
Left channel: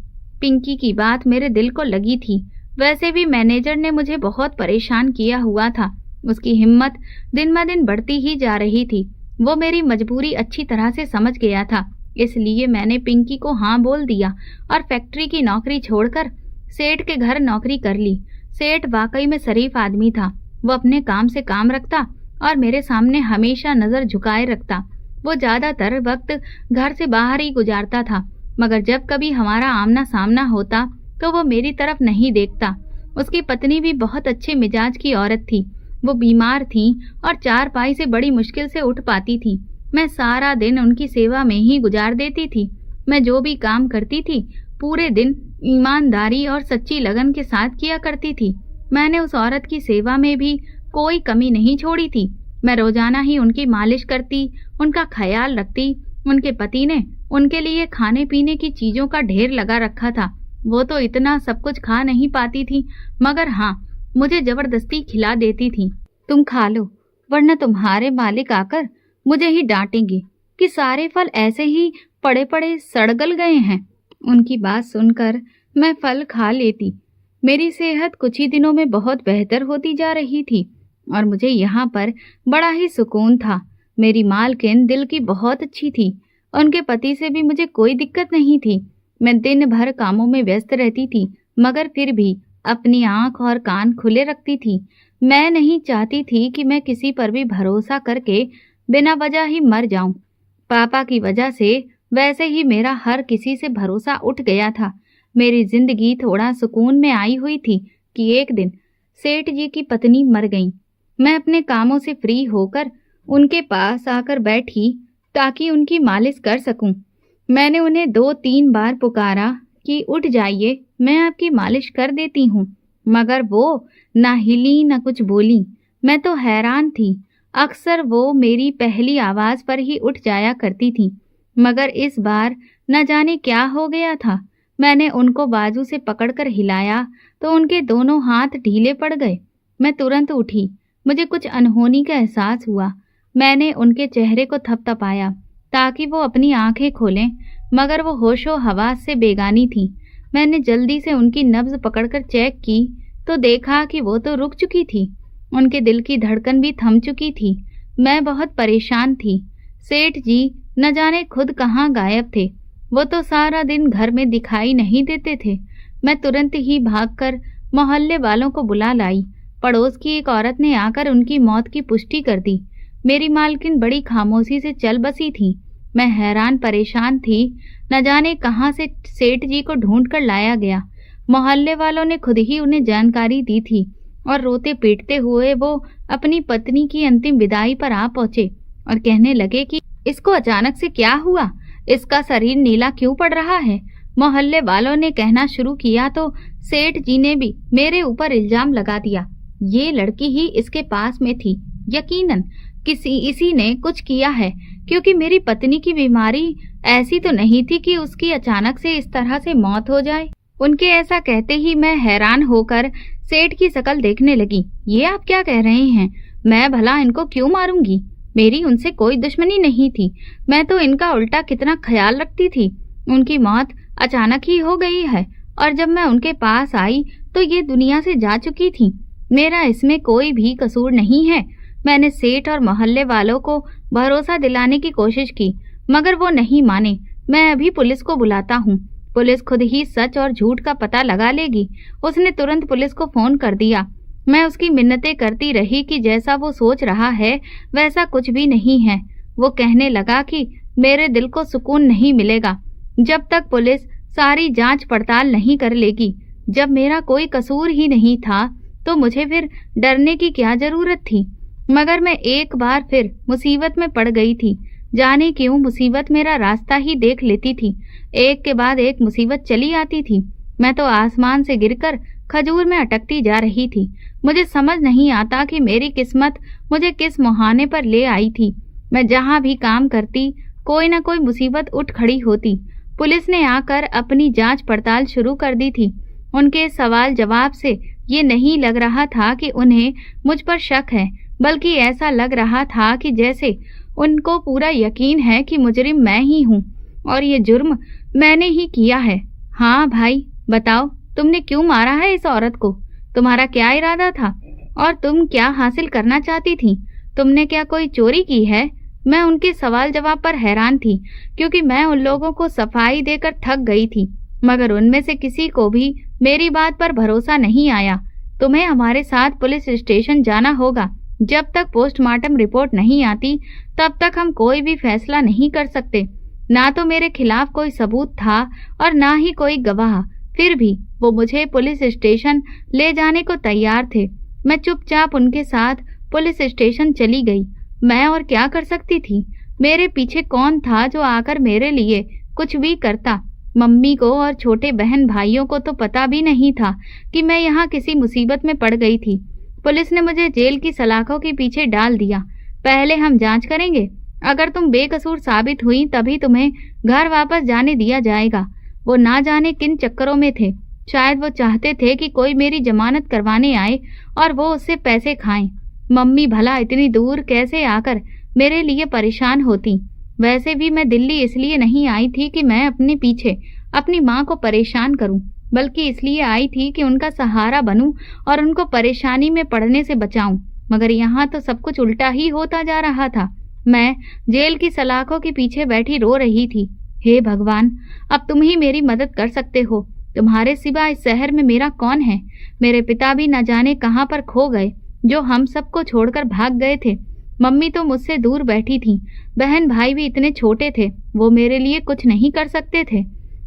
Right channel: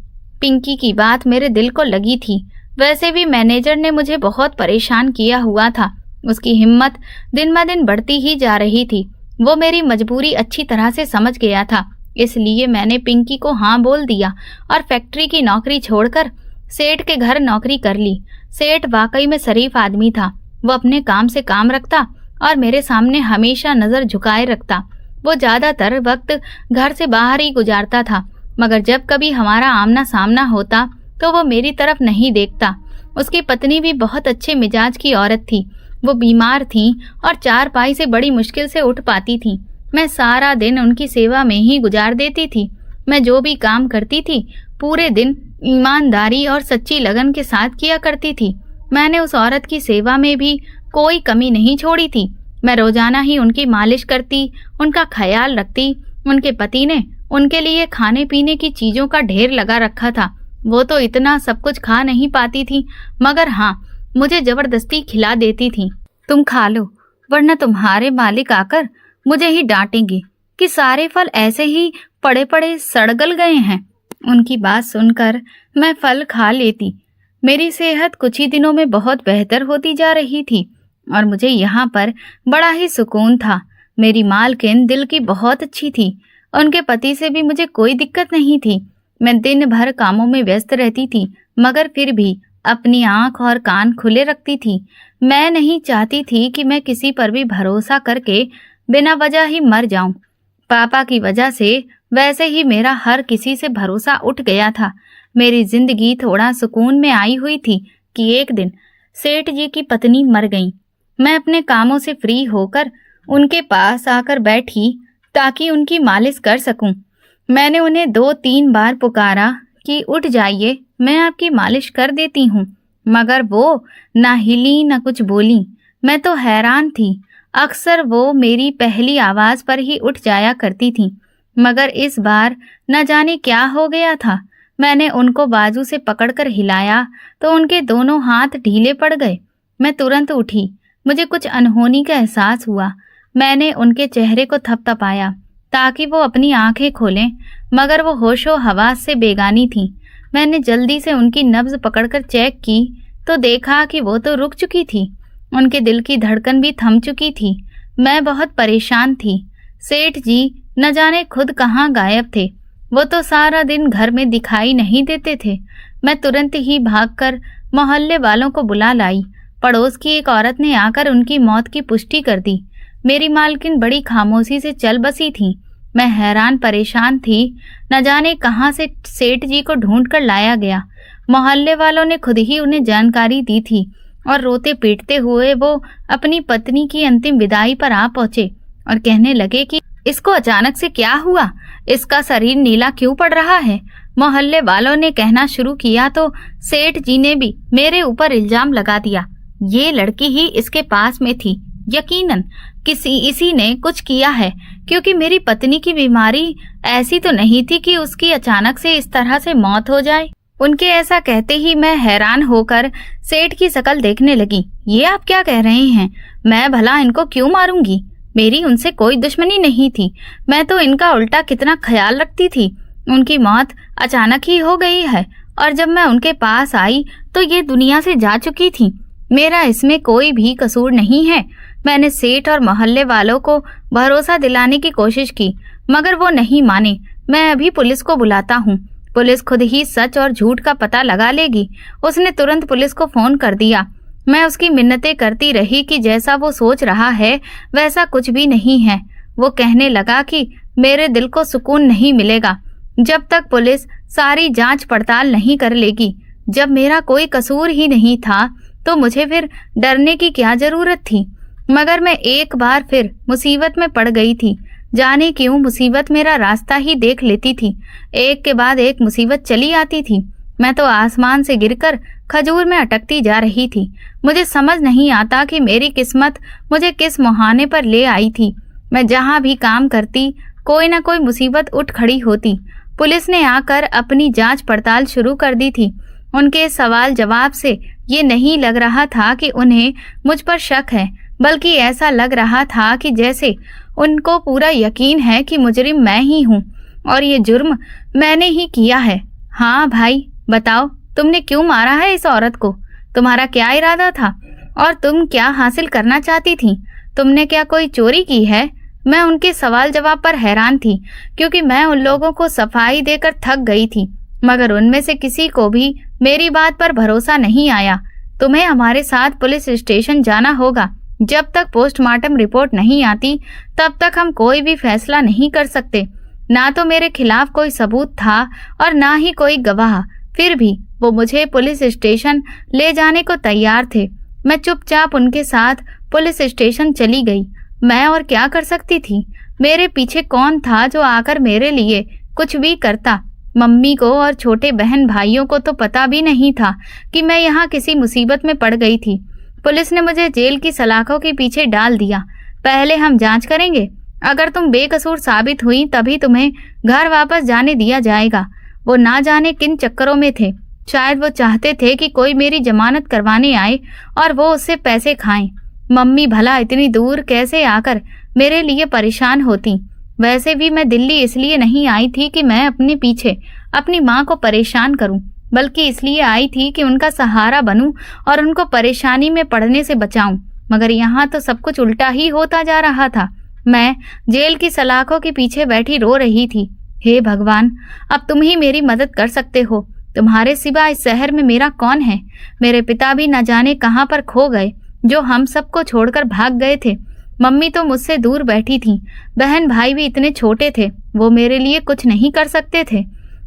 पिंकी की बात मेरे दिल को लगी थी। वैसे भी मैनेजर ने मुझे बहुत परेशान किया हुआ था। उसकी हिम्मत दिन ब दिन बढ़ती ही जा रही थी। वो मेरी मजबूरी अच्छी तरह से समझ गया था, इसलिए मैंने पिंकी को हाँ बोल दिया और फैक्ट्री की नौकरी छोड़कर सेठ के घर नौकरी कर ली। सेठ वाकई में शरीफ आदमी था। वो अपने काम से काम रखता और मेरे सामने हमेशा नजर झुकाए रखता। वो ज्यादातर वक्त घर से बाहर ही गुजारता था, मगर जब कभी हमारा आमना सामना होता तो वो मेरी तरफ नहीं देखता। उसकी पत्नी भी बहुत अच्छे मिजाज की औरत थी। वो बीमार थी और चारपाई से बड़ी मुश्किल से उठ पाती थी। मैं सारा दिन उनकी सेवा में ही गुजार देती थी। मैं जो भी काम करती थी पूरे दिन ईमानदारी और सच्ची लगन के साथ किया करती थी। मैंने उस औरत की सेवा में भी कोई कमी नहीं छोड़ी थी। मैं रोजाना ही उनकी मालिश करती, उनका ख्याल रखती। उनके पति ने उनके लिए खाने पीने की चीजों का ढेर लगा रखा था। वो तो इतना सब कुछ खा नहीं पाती थी, मगर हाँ, मुझे जबरदस्ती खिला देती थी। तुम खा लो, वरना तुम्हारे मालिक आकर मुझे ही डांटेंगे कि सारे फल ऐसे ही पड़े पड़े सड़गल गए हैं। उनकी बात सुनकर मैं फल खा लेती। मेरी सेहत कुछ ही दिनों में बहुत बेहतर होती जा रही थी और मुझे यहाँ पर बड़ा ही सुकून था। मेरी मालकिन दिल की बहुत अच्छी थी। उनके पति से भी मुझे कोई दिक्कत नहीं थी। मैं दिन भर कामों में व्यस्त रहती थी, मगर फिर भी अपनी आंख और कान खुले रखती थी। मैं नहीं चाहती थी कि मैं किसी पर भी भरोसा करके बिना वजह ही मर जाऊं। पापा की वजह से वैसे ही मेरा हर किसी से भरोसा उठ गया था। मेरी जिंदगी थोड़ा सुकून में आई हुई थी कि एक दिन सेठ जी की पत्नी मर गई। मैं अपने कामों से फ्री होकर उनके पास आकर बैठी ताकि उनकी मालिश कर सकूं। मैंने उन्हें 2-3 बार पुकारा कि उठ जाइए, मैं आपकी मालिश कर देती हूँ, मगर वो ना हिली ना कुछ बोली। मैं तो हैरान थी। अक्सर वो मेरी पहली आवाज पर ही उठ जाया करती थी, मगर इस बार न जाने क्या हो गया था। मैंने उनको बाजू से पकड़कर हिलाया तो उनके दोनों हाथ ढीले पड़ गए। मैं तुरंत उठी। मुझे कुछ अनहोनी का एहसास हुआ। मैंने उनके चेहरे को थपथपाया ताकि वो अपनी आंखें खोलें, मगर वो होशो हवास से बेगानी थी। मैंने जल्दी से उनकी नब्ज पकड़कर चेक की तो देखा कि वो तो रुक चुकी थी। उनके दिल की धड़कन भी थम चुकी थी। मैं बहुत परेशान थी। सेठ जी न जाने खुद कहाँ गायब थे। वो तो सारा दिन घर में दिखाई नहीं देते थे। मैं तुरंत ही भागकर मोहल्ले वालों को बुला लाई। पड़ोस की एक औरत ने आकर उनकी मौत की पुष्टि कर दी। मेरी मालकिन बड़ी खामोशी से चल बसी थी। मैं हैरान परेशान थी। न जाने कहाँ से सेठ जी को ढूंढ कर लाया गया। मोहल्ले वालों ने खुद ही उन्हें जानकारी दी थी और रोते पीटते हुए वो अपनी पत्नी की अंतिम विदाई पर आ पहुंचे और कहने लगे कि इसको अचानक से क्या हुआ, इसका शरीर नीला क्यों पड़ रहा है। मोहल्ले वालों ने कहना शुरू किया तो सेठ जी ने भी मेरे ऊपर इल्जाम लगा दिया। ये लड़की ही इसके पास में थी, यकीनन इसी ने कुछ किया है, क्योंकि मेरी पत्नी की बीमारी ऐसी तो नहीं थी कि उसकी अचानक से इस तरह से मौत हो जाए। उनके ऐसा कहते ही मैं हैरान होकर सेठ की शक्ल देखने लगी। ये आप क्या कह रहे हैं? मैं भला इनको क्यों मारूंगी? मेरी उनसे कोई दुश्मनी नहीं थी। मैं तो इनका उल्टा कितना ख्याल रखती थी। उनकी मौत अचानक ही हो गई है और जब मैं उनके पास आई तो ये दुनिया से जा चुकी थी। मेरा इसमें कोई भी कसूर नहीं है। मैंने सेठ और मोहल्ले वालों को भरोसा दिलाने की कोशिश की, मगर वो नहीं माने। मैं अभी पुलिस को बुलाता हूँ। पुलिस खुद ही सच और झूठ का पता लगा लेगी। उसने तुरंत पुलिस को फोन कर दिया। मैं उसकी मिन्नतें करती रही कि जैसा वो सोच रहा है वैसा कुछ भी नहीं है। वो कहने लगा कि मेरे दिल को सुकून नहीं मिलेगा जब तक पुलिस सारी जांच पड़ताल नहीं कर लेगी। जब मेरा कोई कसूर ही नहीं था तो मुझे फिर डरने की क्या जरूरत थी। मगर मैं एक बार फिर मुसीबत में पड़ गई थी। जाने क्यों मुसीबत मेरा रास्ता ही देख लेती थी। एक के बाद एक मुसीबत चली आती थी। मैं तो आसमान से गिरकर खजूर में अटकती जा रही थी। मुझे समझ नहीं आता कि मेरी किस्मत मुझे किस मुहाने पर ले आई थी। मैं जहाँ भी काम करती कोई ना कोई मुसीबत उठ खड़ी होती। पुलिस ने आकर अपनी जांच पड़ताल शुरू कर दी थी। उनके सवाल जवाब से ये नहीं लग रहा था कि उन्हें मुझ पर शक है, बल्कि ऐसा लग रहा था कि जैसे उनको पूरा यकीन है कि मुजरिम मैं ही हूँ और ये जुर्म मैंने ही किया है। हाँ भाई, बताओ तुमने क्यों मारा है इस औरत को? तुम्हारा क्या इरादा था और तुम क्या हासिल करना चाहती थी? तुमने क्या कोई चोरी की है? मैं उनके सवाल जवाब पर हैरान थी, क्योंकि मैं उन लोगों को सफाई देकर थक गई थी। मगर उनमें से किसी को भी मेरी बात पर भरोसा नहीं आया। तुम्हें हमारे साथ पुलिस स्टेशन जाना होगा। जब तक पोस्टमार्टम रिपोर्ट नहीं आती तब तक हम कोई भी फैसला नहीं कर सकते। ना तो मेरे खिलाफ कोई सबूत था और ना ही कोई गवाह। फिर भी वो मुझे पुलिस स्टेशन ले जाने को तैयार थे। मैं चुपचाप उनके साथ पुलिस स्टेशन चली गई। मैं और क्या कर सकती थी? मेरे पीछे कौन था जो आकर मेरे लिए कुछ भी करता? मम्मी को और छोटे बहन भाइयों को तो पता भी नहीं था कि मैं यहाँ किसी मुसीबत में पड़ गई थी। पुलिस ने मुझे जेल की सलाखों के पीछे डाल दिया। पहले हम जांच करेंगे। अगर तुम बेकसूर साबित हुई तभी तुम्हें घर वापस जाने दिया जाएगा। वो ना जाने किन चक्करों में थे। शायद वो चाहते थे कि कोई मेरी जमानत करवाने आए और वो उससे पैसे खाएं। मम्मी भला इतनी दूर कैसे आकर मेरे लिए परेशान होती। वैसे भी मैं दिल्ली इसलिए नहीं आई थी कि मैं अपने पीछे अपनी माँ को परेशान करूं, बल्कि इसलिए आई थी कि उनका सहारा बनूं और उनको परेशानी में पड़ने से बचाऊं। मगर यहाँ तो सब कुछ उल्टा ही होता जा रहा था। मैं जेल की सलाखों के पीछे बैठी रो रही थी। हे भगवान, अब तुम ही मेरी मदद कर सकते हो। तुम्हारे सिवा इस शहर में मेरा कौन है? मेरे पिता भी न जाने कहाँ पर खो गए, जो हम सबको छोड़कर भाग गए थे। मम्मी तो मुझसे दूर बैठी थी। बहन भाई भी इतने छोटे थे, वो मेरे लिए कुछ नहीं कर सकते थे।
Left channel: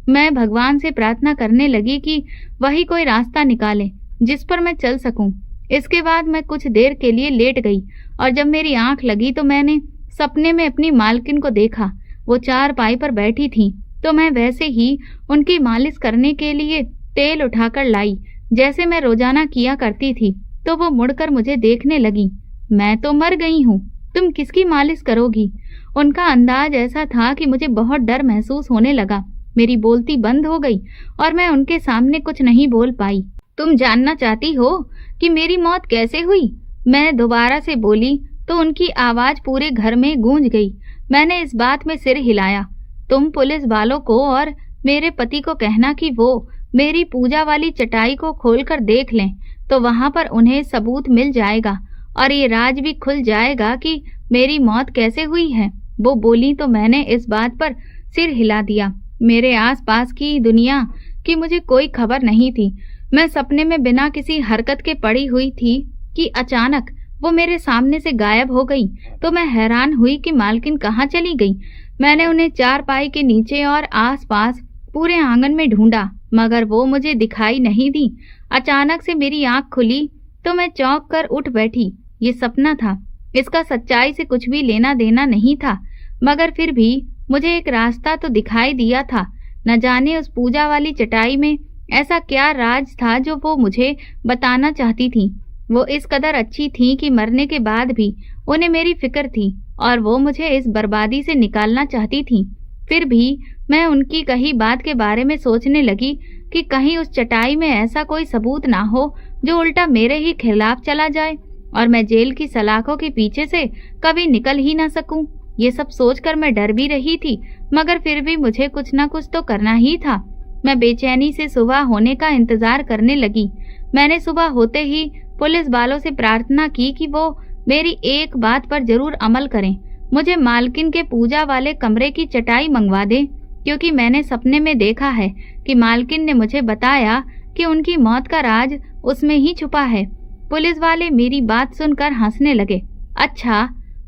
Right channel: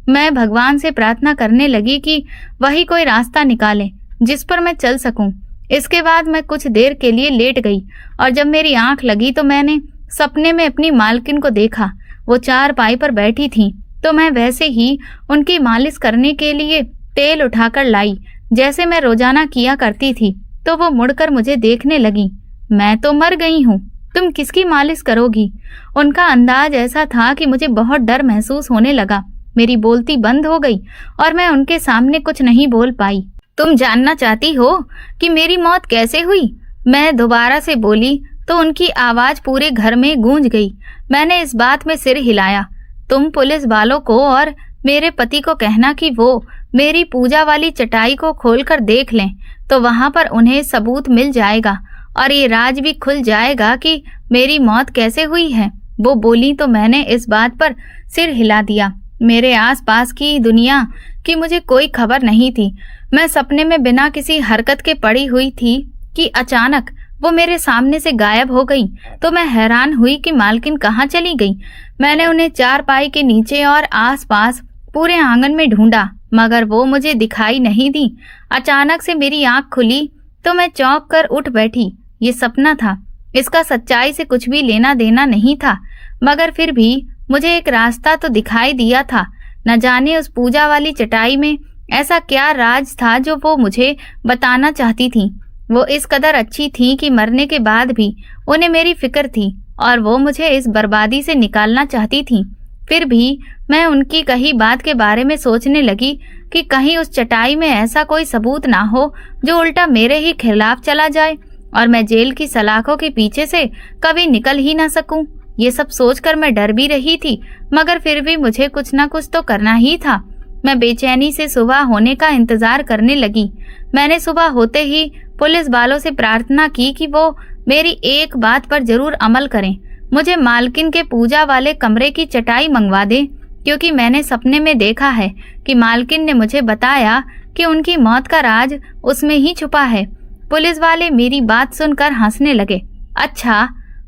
मैं भगवान से प्रार्थना करने लगी कि वही कोई रास्ता निकाले जिस पर मैं चल सकूं। इसके बाद मैं कुछ देर के लिए लेट गई और जब मेरी आंख लगी तो मैंने सपने में अपनी मालकिन को देखा। वो चारपाई पर बैठी थी तो मैं वैसे ही उनकी मालिश करने के लिए तेल उठाकर लाई, जैसे मैं रोजाना किया करती थी। तो वो मुड़कर मुझे देखने लगी। मैं तो मर गई हूँ, तुम किसकी मालिश करोगी? उनका अंदाज ऐसा था कि मुझे बहुत डर महसूस होने लगा। मेरी बोलती बंद हो गई और मैं उनके सामने कुछ नहीं बोल पाई। तुम जानना चाहती हो कि मेरी मौत कैसे हुई? मैं दोबारा से बोली तो उनकी आवाज पूरे घर में गूंज गई। मैंने इस बात में सिर हिलाया। तुम पुलिस वालों को और मेरे पति को कहना कि वो मेरी पूजा वाली चटाई को खोलकर देख लें, तो वहां पर उन्हें सबूत मिल जाएगा और ये राज भी खुल जाएगा कि मेरी मौत कैसे हुई है। वो बोली तो मैंने इस बात पर सिर हिला दिया। मेरे आसपास की दुनिया की मुझे कोई खबर नहीं थी। मैं सपने में बिना किसी हरकत के पड़ी हुई थी कि अचानक वो मेरे सामने से गायब हो गई। तो मैं हैरान हुई कि मालकिन कहाँ चली गई। मैंने उन्हें चारपाई के नीचे और आसपास पूरे आंगन में ढूंढा, मगर वो मुझे दिखाई नहीं दी। अचानक से मेरी आंख खुली तो मैं चौंक कर उठ बैठी। ये सपना था, इसका सच्चाई से कुछ भी लेना देना नहीं था, मगर फिर भी मुझे एक रास्ता तो दिखाई दिया था। न जाने उस पूजा वाली चटाई में ऐसा क्या राज था जो वो मुझे बताना चाहती थी। वो इस कदर अच्छी थी कि मरने के बाद भी उन्हें मेरी फिक्र थी और वो मुझे इस बर्बादी से निकालना चाहती थी। फिर भी मैं उनकी कही बात के बारे में सोचने लगी कि कहीं उस चटाई में ऐसा कोई सबूत ना हो जो उल्टा मेरे ही खिलाफ चला जाए और मैं जेल की सलाखों के पीछे से कभी निकल ही ना सकूं। ये सब सोचकर मैं डर भी रही थी, मगर फिर भी मुझे कुछ ना कुछ तो करना ही था। मैं बेचैनी से सुबह होने का इंतजार करने लगी। मैंने सुबह होते ही पुलिस वालों से प्रार्थना की कि वो मेरी एक बात पर जरूर अमल करें। मुझे मालकिन के पूजा वाले कमरे की चटाई मंगवा दें क्योंकि मैंने सपने में देखा है कि मालकिन ने मुझे बताया कि उनकी मौत का राज उसमें ही छुपा है। पुलिस वाले मेरी बात सुनकर हंसने लगे। अच्छा,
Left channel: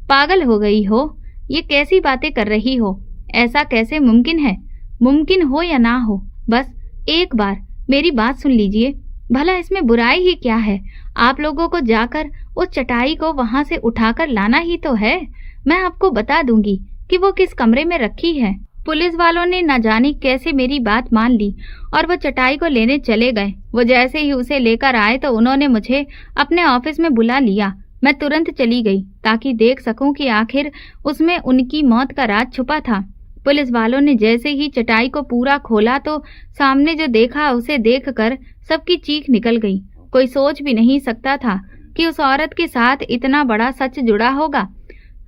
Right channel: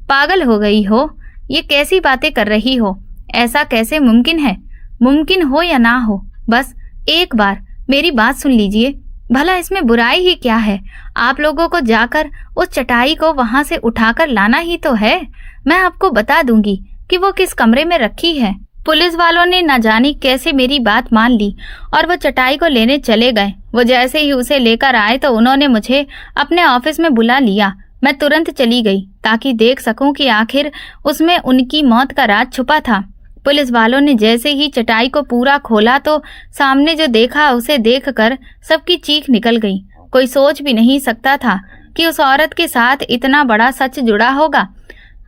पागल हो गई हो? ये कैसी बातें कर रही हो? ऐसा कैसे मुमकिन है? मुमकिन हो या ना हो, बस एक बार मेरी बात सुन लीजिए। भला इसमें बुराई ही क्या है? आप लोगों को जाकर उस चटाई को वहां से उठाकर लाना ही तो है। मैं आपको बता दूंगी कि वो किस कमरे में रखी है। पुलिस वालों ने न जाने कैसे मेरी बात मान ली और वो चटाई को लेने चले गए। वो जैसे ही उसे लेकर आए तो उन्होंने मुझे अपने ऑफिस में बुला लिया। मैं तुरंत चली गई ताकि देख सकूं कि आखिर उसमें उनकी मौत का राज छुपा था। पुलिस वालों ने जैसे ही चटाई को पूरा खोला तो सामने जो देखा उसे देखकर सबकी चीख निकल गई। कोई सोच भी नहीं सकता था कि उस औरत के साथ इतना बड़ा सच जुड़ा होगा।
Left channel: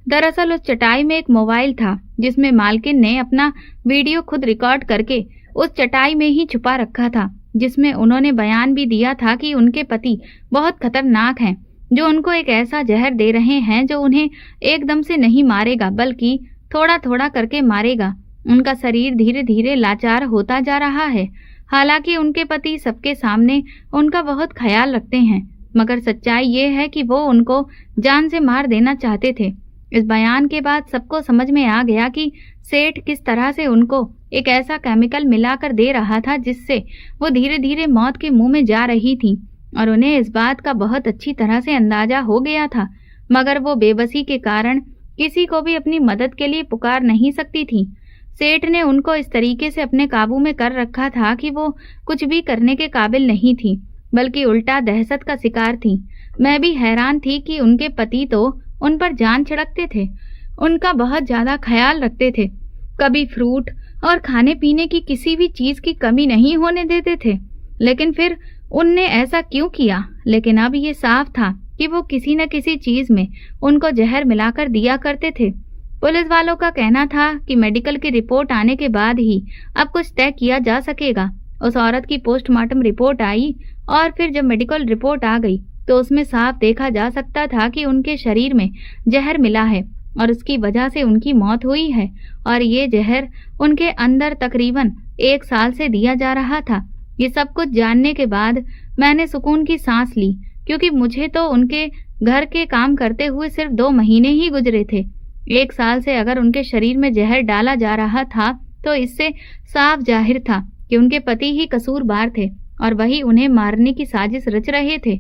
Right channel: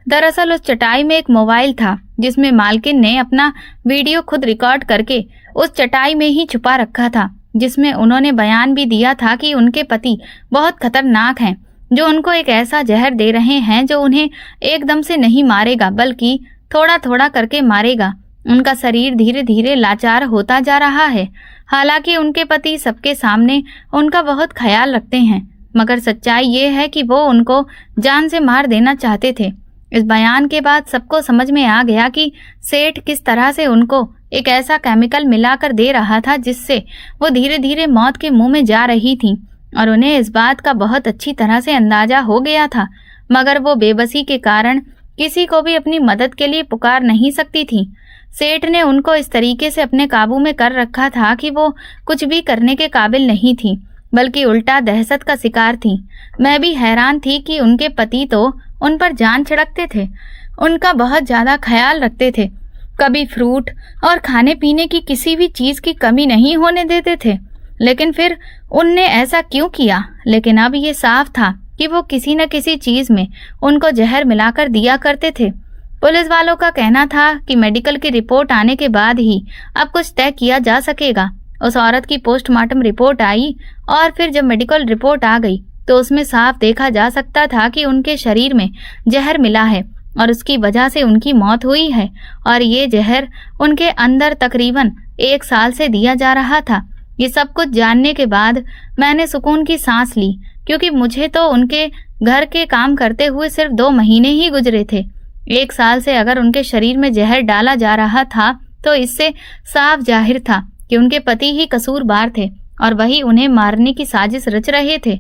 दरअसल उस चटाई में एक मोबाइल था जिसमें मालकिन ने अपना वीडियो खुद रिकॉर्ड करके उस चटाई में ही छुपा रखा था, जिसमें उन्होंने बयान भी दिया था कि उनके पति बहुत खतरनाक हैं, जो उनको एक ऐसा जहर दे रहे हैं जो उन्हें एकदम से नहीं मारेगा बल्कि थोड़ा थोड़ा करके मारेगा। उनका शरीर धीरे धीरे लाचार होता जा रहा है। हालांकि उनके पति सबके सामने उनका बहुत ख्याल रखते हैं, मगर सच्चाई ये है कि वो उनको जान से मार देना चाहते थे। इस बयान के बाद सबको समझ में आ गया कि सेठ किस तरह से उनको एक ऐसा केमिकल मिलाकर दे रहा था जिससे वो धीरे धीरे मौत के मुंह में जा रही थी, और उन्हें इस बात का बहुत अच्छी तरह से अंदाजा हो गया था। मगर वो बेबसी के कारण किसी को भी अपनी मदद के लिए पुकार नहीं सकती थी। सेठ ने उनको इस तरीके से अपने काबू में कर रखा था कि वो कुछ भी करने के काबिल नहीं थी, बल्कि उल्टा दहशत का शिकार थी। मैं भी हैरान थी कि उनके पति तो उन पर जान छिड़कते थे, उनका बहुत ज्यादा ख्याल रखते थे, कभी फ्रूट और खाने पीने की किसी भी चीज की कमी नहीं होने देते थे। लेकिन फिर उनने ऐसा क्यों किया? लेकिन अब ये साफ था कि वो किसी न किसी चीज में उनको जहर मिलाकर दिया करते थे। पुलिस वालों का कहना था कि मेडिकल की रिपोर्ट आने के बाद ही अब कुछ तय किया जा सकेगा। उस औरत की पोस्टमार्टम रिपोर्ट आई और फिर जब मेडिकल रिपोर्ट आ गई तो उसमें साफ देखा जा सकता था कि उनके शरीर में जहर मिला है और उसकी वजह से उनकी मौत हुई है, और ये जहर उनके अंदर तकरीबन 1 साल से दिया जा रहा था। ये सब कुछ जानने के बाद मैंने सुकून की सांस ली, क्योंकि मुझे तो उनके घर के काम करते हुए सिर्फ 2 महीने ही गुजरे थे। 1 साल से अगर उनके शरीर में जहर डाला जा रहा था तो इससे साफ जाहिर था कि उनके पति ही कसूरवार थे और वही उन्हें मारने की साजिश रच रहे थे।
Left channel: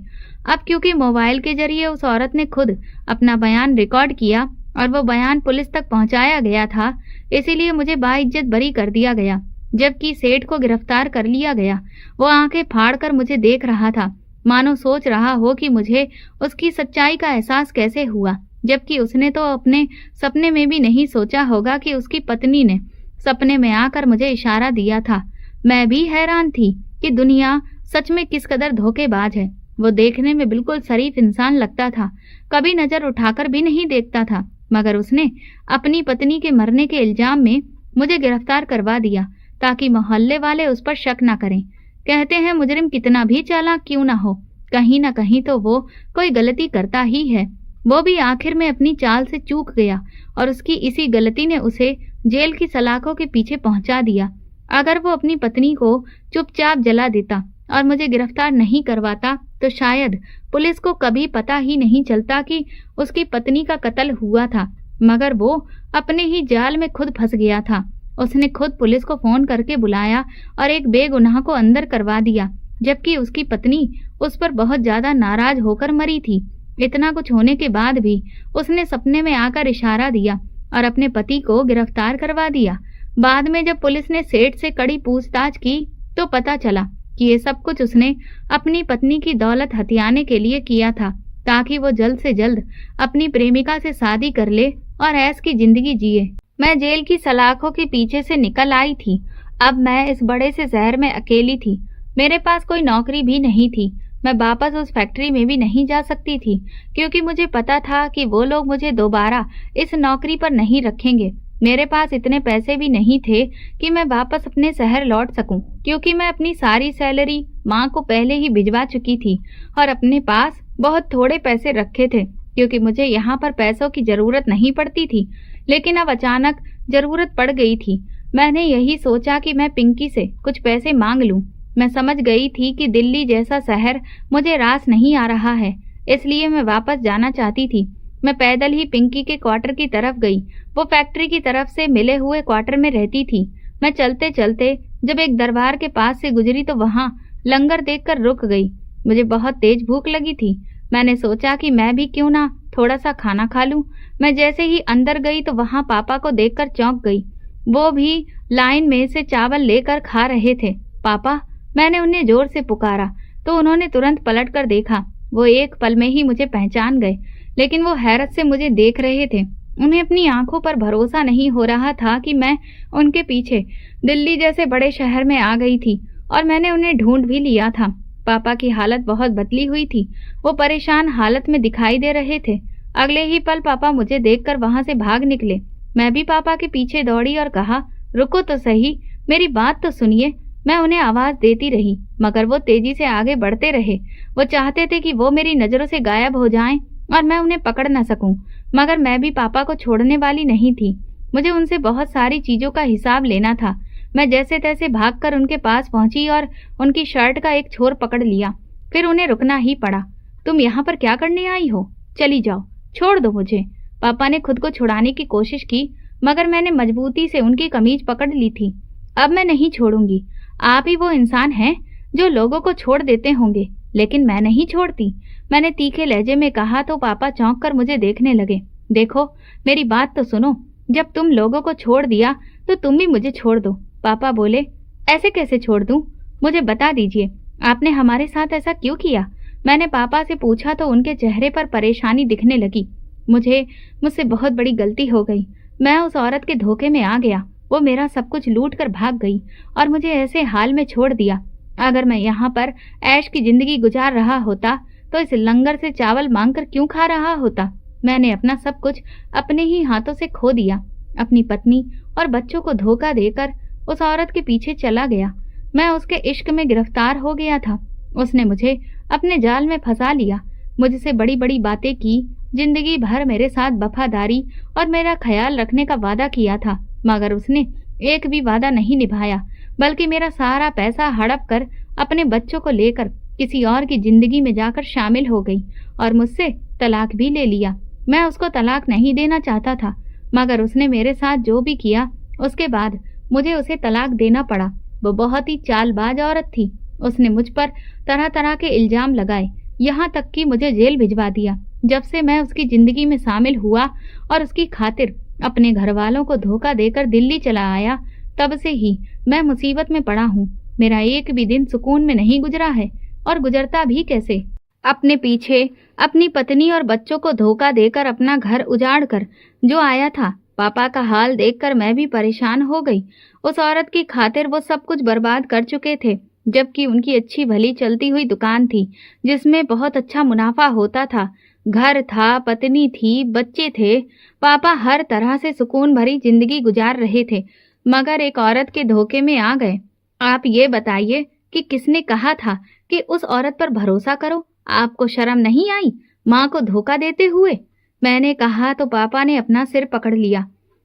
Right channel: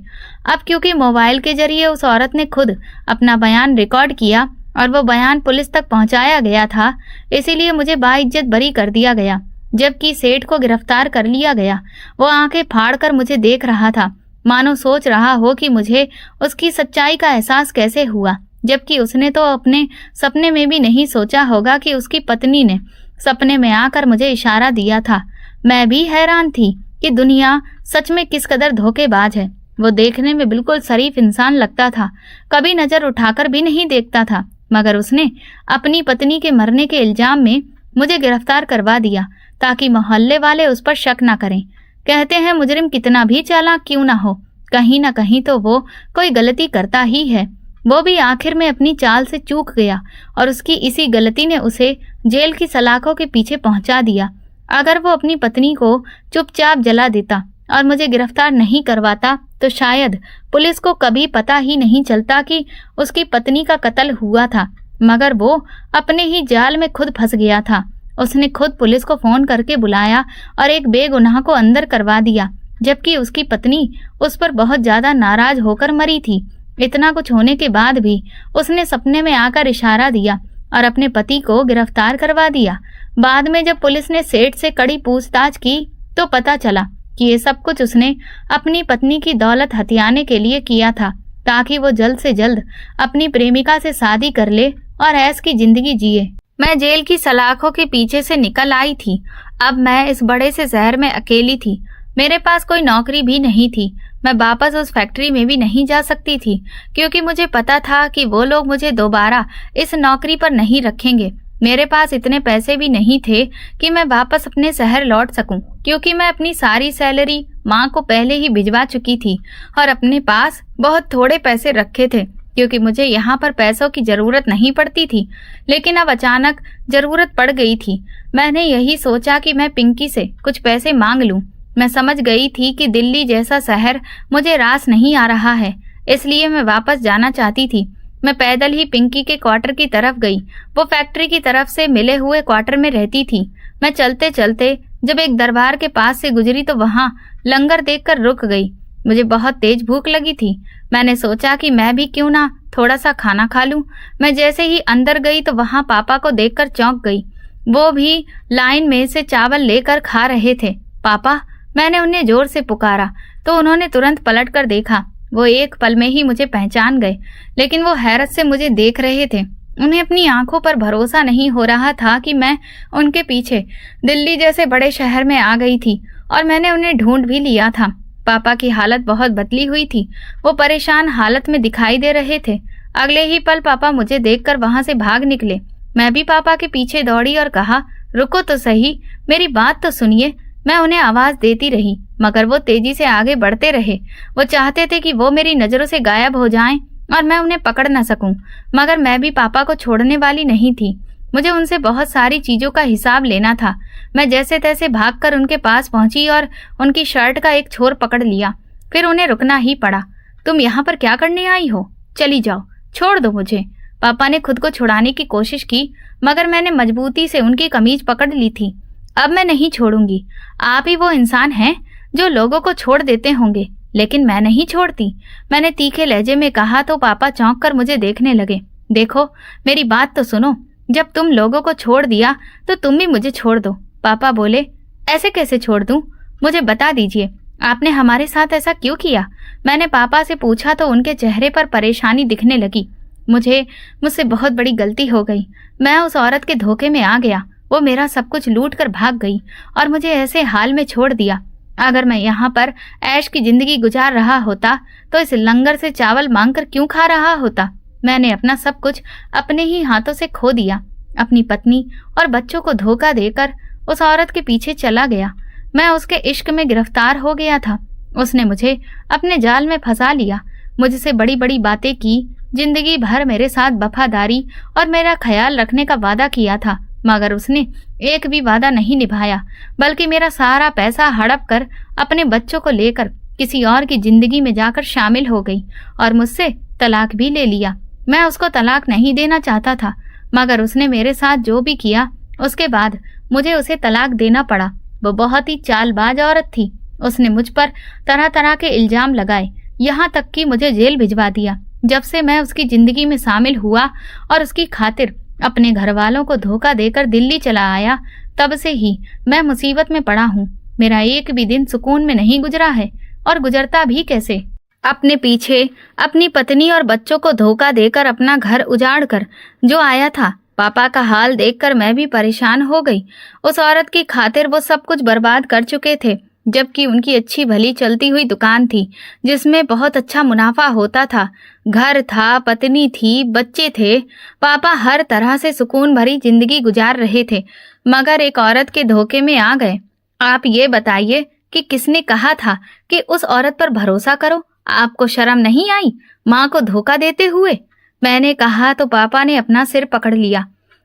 अब क्योंकि मोबाइल के जरिए उस औरत ने खुद अपना बयान रिकॉर्ड किया और वो बयान पुलिस तक पहुंचाया गया था, इसीलिए मुझे बाइज्जत बरी कर दिया गया। जबकि सेठ को गिरफ्तार कर लिया गया। वो आंखें फाड़कर मुझे देख रहा था, मानो सोच रहा हो कि मुझे उसकी सच्चाई का एहसास कैसे हुआ, जबकि उसने तो अपने सपने में भी नहीं सोचा होगा कि उसकी पत्नी ने सपने में आकर मुझे इशारा दिया था। मैं भी हैरान थी कि दुनिया सच में किस कदर धोखेबाज है। वो देखने में बिल्कुल शरीफ इंसान लगता था, कभी नजर उठाकर भी नहीं देखता था, मगर उसने अपनी पत्नी के मरने के इल्जाम में मुझे गिरफ्तार करवा दिया ताकि मोहल्ले वाले उस पर शक न करें। कहते हैं मुजरिम कितना भी चालाक क्यों ना हो, कहीं ना कहीं तो वो कोई गलती करता ही है। वो भी आखिर में अपनी चाल से चूक गया और उसकी इसी गलती ने उसे जेल की सलाखों के पीछे पहुंचा दिया। अगर वो अपनी पत्नी को चुपचाप जला देता और मुझे गिरफ्तार नहीं करवाता तो शायद पुलिस को कभी पता ही नहीं चलता कि उसकी पत्नी का कत्ल हुआ था। मगर वो अपने ही जाल में खुद फंस गया था। उसने खुद पुलिस को फोन करके बुलाया और एक बेगुनाह को अंदर करवा दिया, जबकि उसकी पत्नी उस पर बहुत ज्यादा नाराज होकर मरी थी। इतना कुछ होने के बाद भी उसने सपने में आकर इशारा दिया और अपने पति को गिरफ्तार करवा दिया। बाद में जब पुलिस ने सेठ से कड़ी पूछताछ की तो पता चला कि ये सब कुछ उसने अपनी पत्नी की दौलत हथियाने के लिए किया था, ताकि वो जल्द से जल्द अपनी प्रेमिका से शादी कर ले और ऐश की जिंदगी जिए। मैं जेल की सलाखों के पीछे से निकल आई थी। अब मैं इस बड़े से शहर में अकेली थी। मेरे पास कोई नौकरी भी नहीं थी। मैं वापस उस फैक्ट्री में भी नहीं जा सकती थी, क्योंकि मुझे पता था कि वो लोग मुझे दोबारा इस नौकरी पर नहीं रखेंगे। मेरे पास इतने पैसे भी नहीं थे कि मैं वापस अपने शहर लौट सकूं, क्योंकि मैं अपनी सारी सैलरी माँ को पहले ही भिजवा चुकी थी और अपने पास बहुत थोड़े पैसे रखे थे, क्योंकि मुझे यहाँ पर पैसों की ज़रूरत नहीं पड़ती थी, लेकिन अब अचानक ज़रूरत पड़ गई थी। मैंने यही सोचा कि मैं पिंकी से कुछ पैसे मांग लूँ। मैं समझ गई थी कि दिल्ली जैसा शहर मुझे रास नहीं आ रहा है, इसलिए मैं वापस जाना चाहती थी। मैं पैदल ही पिंकी के क्वार्टर की तरफ गई। वो फैक्ट्री की तरफ से मिले हुए क्वार्टर में रहती थी। मैं चलते चलते जब एक दरबार के पास से गुजरी तो वहाँ लंगर देखकर रुक गई। मुझे बहुत तेज भूख लगी थी। मैंने सोचा कि मैं भी क्यों ना थोड़ा सा खाना खा लूं। मैं जैसे ही अंदर गई तो वहां पापा को देखकर चौंक गई। वो भी लाइन में से चावल लेकर खा रहे थे। पापा, मैंने उन्हें जोर से पुकारा तो उन्होंने तुरंत पलट कर देखा। वो एक पल में ही मुझे पहचान गए, लेकिन वो हैरत से मुझे देख रहे थे। उन्हें अपनी आंखों पर भरोसा नहीं हो रहा था कि मैं उनके पीछे दिल्ली जैसे बड़े शहर में आ गई थी और मैंने उन्हें ढूंढ भी लिया था। पापा की हालत बहुत बदली हुई थी। वो परेशान हालत में दिखाई दे रहे थे। अगले ही पल पापा मुझे देखकर वहां से भाग निकले। मैं भी पापा के पीछे दौड़ी और कहा, रुको तो सही, मेरी बात तो सुनिए। मैं उन्हें आवाज देती रही, मगर वो तेजी से आगे बढ़ते रहे। वो चाहते थे कि वो मेरी नजरों से गायब हो जाएं और मैं उन्हें पकड़ न सकूं, मगर मैं भी पापा को छोड़ने वाली नहीं थी। मुझे उनसे बहुत सारी चीजों का हिसाब लेना था। मैं जैसे तैसे भागकर उनके पास पहुंची और उनकी शर्ट का एक छोर पकड़ लिया। फिर उन्हें रुकना ही पड़ा। तुम यहाँ पर क्या करने आई हो? चली जाओ, छोड़ दो मुझे। पापा ने खुद को छुड़ाने की कोशिश की, मगर मैंने मजबूती से उनकी कमीज पकड़ ली थी। अब मैं नहीं छोड़ूंगी। आप ही वो इंसान हैं जो लोगों को छोड़ देते होंगे, लेकिन मैं नहीं छोड़ती। मैंने तीखे लहजे में कहा तो पापा चौंक कर मुझे देखने लगे। देखो, मेरी बात तो सुनो। जब तुम लोगों को छोड़ दिया तो तुम भी मुझे छोड़ दो। पापा बोले, ऐसे कैसे छोड़ दूं? मुझे बता दीजिए, आपने हमारे साथ ऐसा क्यों किया? मैंने पापा से पूछा तो उनके चेहरे पर परेशानी दिखने लगी। मुझसे बहुत बड़ी गलती हो गई। मैं उस औरत के धोखे में आ गया। वो मेरा सब कुछ लूट कर भाग गई और मुझे ऐसे हाल में छोड़ दिया। अगर मैं यहाँ पर ऐश की जिंदगी गुजार रहा होता तो इस लंगर से चावल मांगकर क्यों खा रहा होता? मैंने अपना सब कुछ अपने ही हाथों से खो दिया। अपनी पत्नी और बच्चों को धोखा देकर उस औरत के पीछे चला गया। मैं उसके इश्क में गिरफ्तार हो गया था। उसने मुझे अपने जाल में फंसा लिया। मुझसे बड़ी बड़ी बातें की, जिंदगी भर मेरे साथ वफादारी और मेरा ख्याल रखने का वादा किया था, मगर उसने एक भी वादा नहीं निभाया, बल्कि मेरा सारा पैसा हड़प कर अपने बच्चों को लेकर किसी और की जिंदगी में जाकर शामिल हो गई और मुझसे तलाक भी ले लिया। मैं उसको तलाक नहीं देना चाहता था, मगर उसने मेरे साथ जो भी किया उसके बाद मुझे उसे तलाक देना पड़ा। वो बहुत ही चालबाज औरत थी। उसने मुझ पर तरह तरह के इल्जाम लगाए, यहाँ तक कि मुझे जेल भिजवा दिया। जब से मैं उसकी जिंदगी में शामिल हुआ और उसकी खातिर अपने घर वालों को धोखा देकर दिल्ली चला आया, तब से ही मैं मुसीबत में पड़ा हूँ। मेरा एक भी दिन सुकून में नहीं गुजरा है, और गुजरता भी कैसे? अपने पीछे अपनी पत्नी और बच्चों को धोखा देकर अपना घर उजाड़ कर जो आया था। पापा का हाल देखकर मैं भी परेशान हो गई। उस औरत की खातिर वो सब कुछ बर्बाद कर चुके थे, जबकि उनकी अच्छी भली चलती हुई दुकान थी जिसमें बहुत अच्छा मुनाफा होता था। घर था, पत्नी थी, बच्चे थे। पापा हर तरह से सुकून भरी जिंदगी गुजार रहे थे, मगर एक औरत के धोखे में आ गए। आप ये बताइए कि किसने कहा था कि उस औरत पर भरोसा करो? आपको शर्म नहीं आई माँ को धोखा देते हुए? मैंने कहा तो पापा ने अपना सिर पकड़ लिया।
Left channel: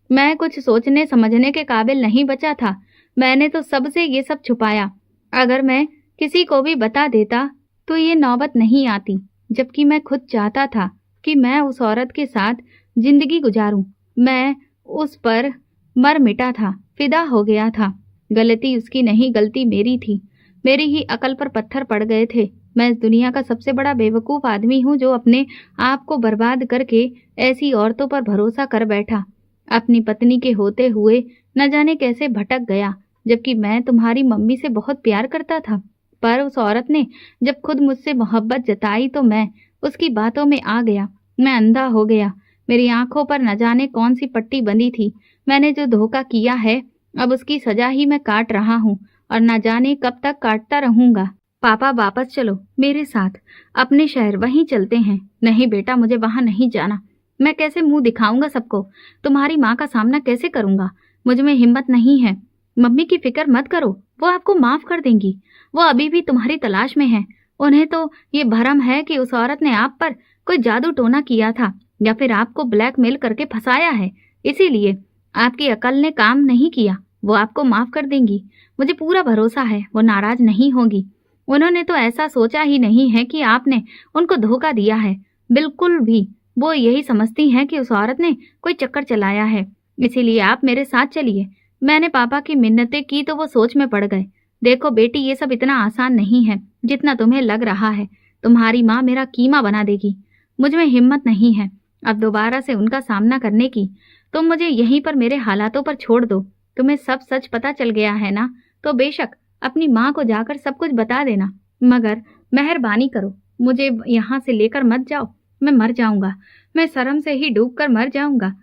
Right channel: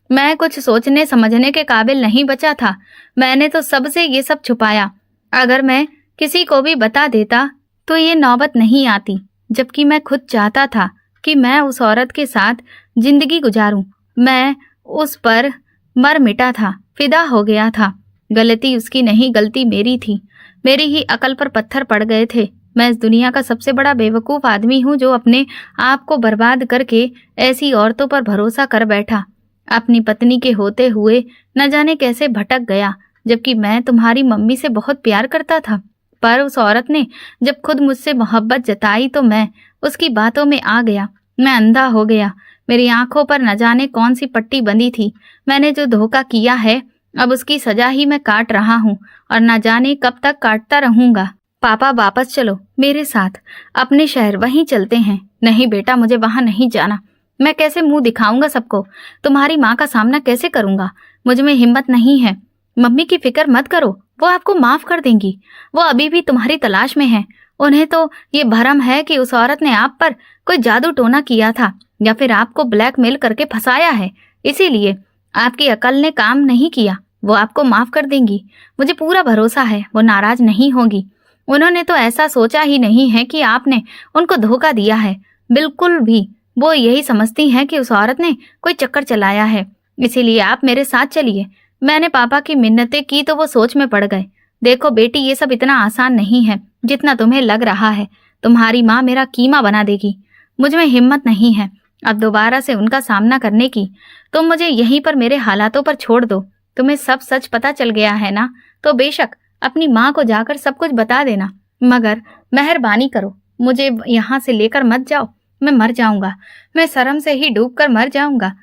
मैं कुछ सोचने समझने के काबिल नहीं बचा था। मैंने तो सबसे ये सब छुपाया। अगर मैं किसी को भी बता देता तो ये नौबत नहीं आती, जबकि मैं खुद चाहता था कि मैं उस औरत के साथ जिंदगी गुजारूं। मैं उस पर मर मिटा था, फिदा हो गया था। गलती उसकी नहीं, गलती मेरी थी। मेरी ही अकल पर पत्थर पड़ गए थे। मैं इस दुनिया का सबसे बड़ा बेवकूफ़ आदमी हूँ जो अपने आप को बर्बाद करके ऐसी औरतों पर भरोसा कर बैठा। अपनी पत्नी के होते हुए न जाने कैसे भटक गया, जबकि मैं तुम्हारी मम्मी से बहुत प्यार करता था। पर उस औरत ने जब खुद मुझसे मोहब्बत जताई तो मैं उसकी बातों में आ गया। मैं अंधा हो गया। मेरी आंखों पर न जाने कौन सी पट्टी बंधी थी। मैंने जो धोखा किया है, अब उसकी सजा ही मैं काट रहा हूँ और न जाने कब तक काटता रहूंगा। पापा, वापस चलो मेरे साथ अपने शहर, वहीं चलते हैं। नहीं बेटा, मुझे वहां नहीं जाना। मैं कैसे मुंह दिखाऊंगा सबको? तुम्हारी माँ का सामना कैसे करूंगा? मुझ में हिम्मत नहीं है। मम्मी की फिक्र मत करो, वो आपको माफ कर देंगी। वो अभी भी तुम्हारी तलाश में है उन्हें तो ये भरम है कि उस औरत ने आप पर कोई जादू टोना किया था या फिर आपको ब्लैकमेल करके फंसाया है। इसीलिए आपकी अकल ने काम नहीं किया। वो आपको माफ कर देंगी, मुझे पूरा भरोसा है, वो नाराज नहीं होगी। उन्होंने तो ऐसा सोचा ही नहीं है कि आपने उनको धोखा दिया है, बिल्कुल भी। वो यही समझती हैं कि उस औरत ने कोई चक्कर चलाया है। इसीलिए आप मेरे साथ चलिए। मैंने पापा की मिन्नतें की तो वो सोच में पड़ गए। देखो बेटी, ये सब इतना आसान नहीं है जितना तुम्हें लग रहा है। तुम्हारी माँ मेरा कीमा बना देगी। मुझ में हिम्मत नहीं है अब दोबारा से उनका सामना करने की। तुम मुझे यहीं पर मेरे हालातों पर छोड़ दो। तुम्हें सब सच पता चल गया है ना, तो बेशक अपनी माँ को जाकर सब कुछ बता देना, मगर मेहरबानी करो, मुझे यहाँ से लेकर मत जाओ। मैं मर जाऊंगा, मैं शर्म से ही डूब कर मर जाऊंगा।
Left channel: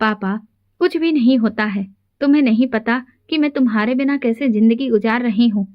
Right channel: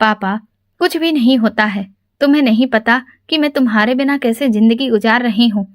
पापा, कुछ भी नहीं होता है। तुम्हें नहीं पता कि मैं तुम्हारे बिना कैसे जिंदगी गुजार रही हूँ।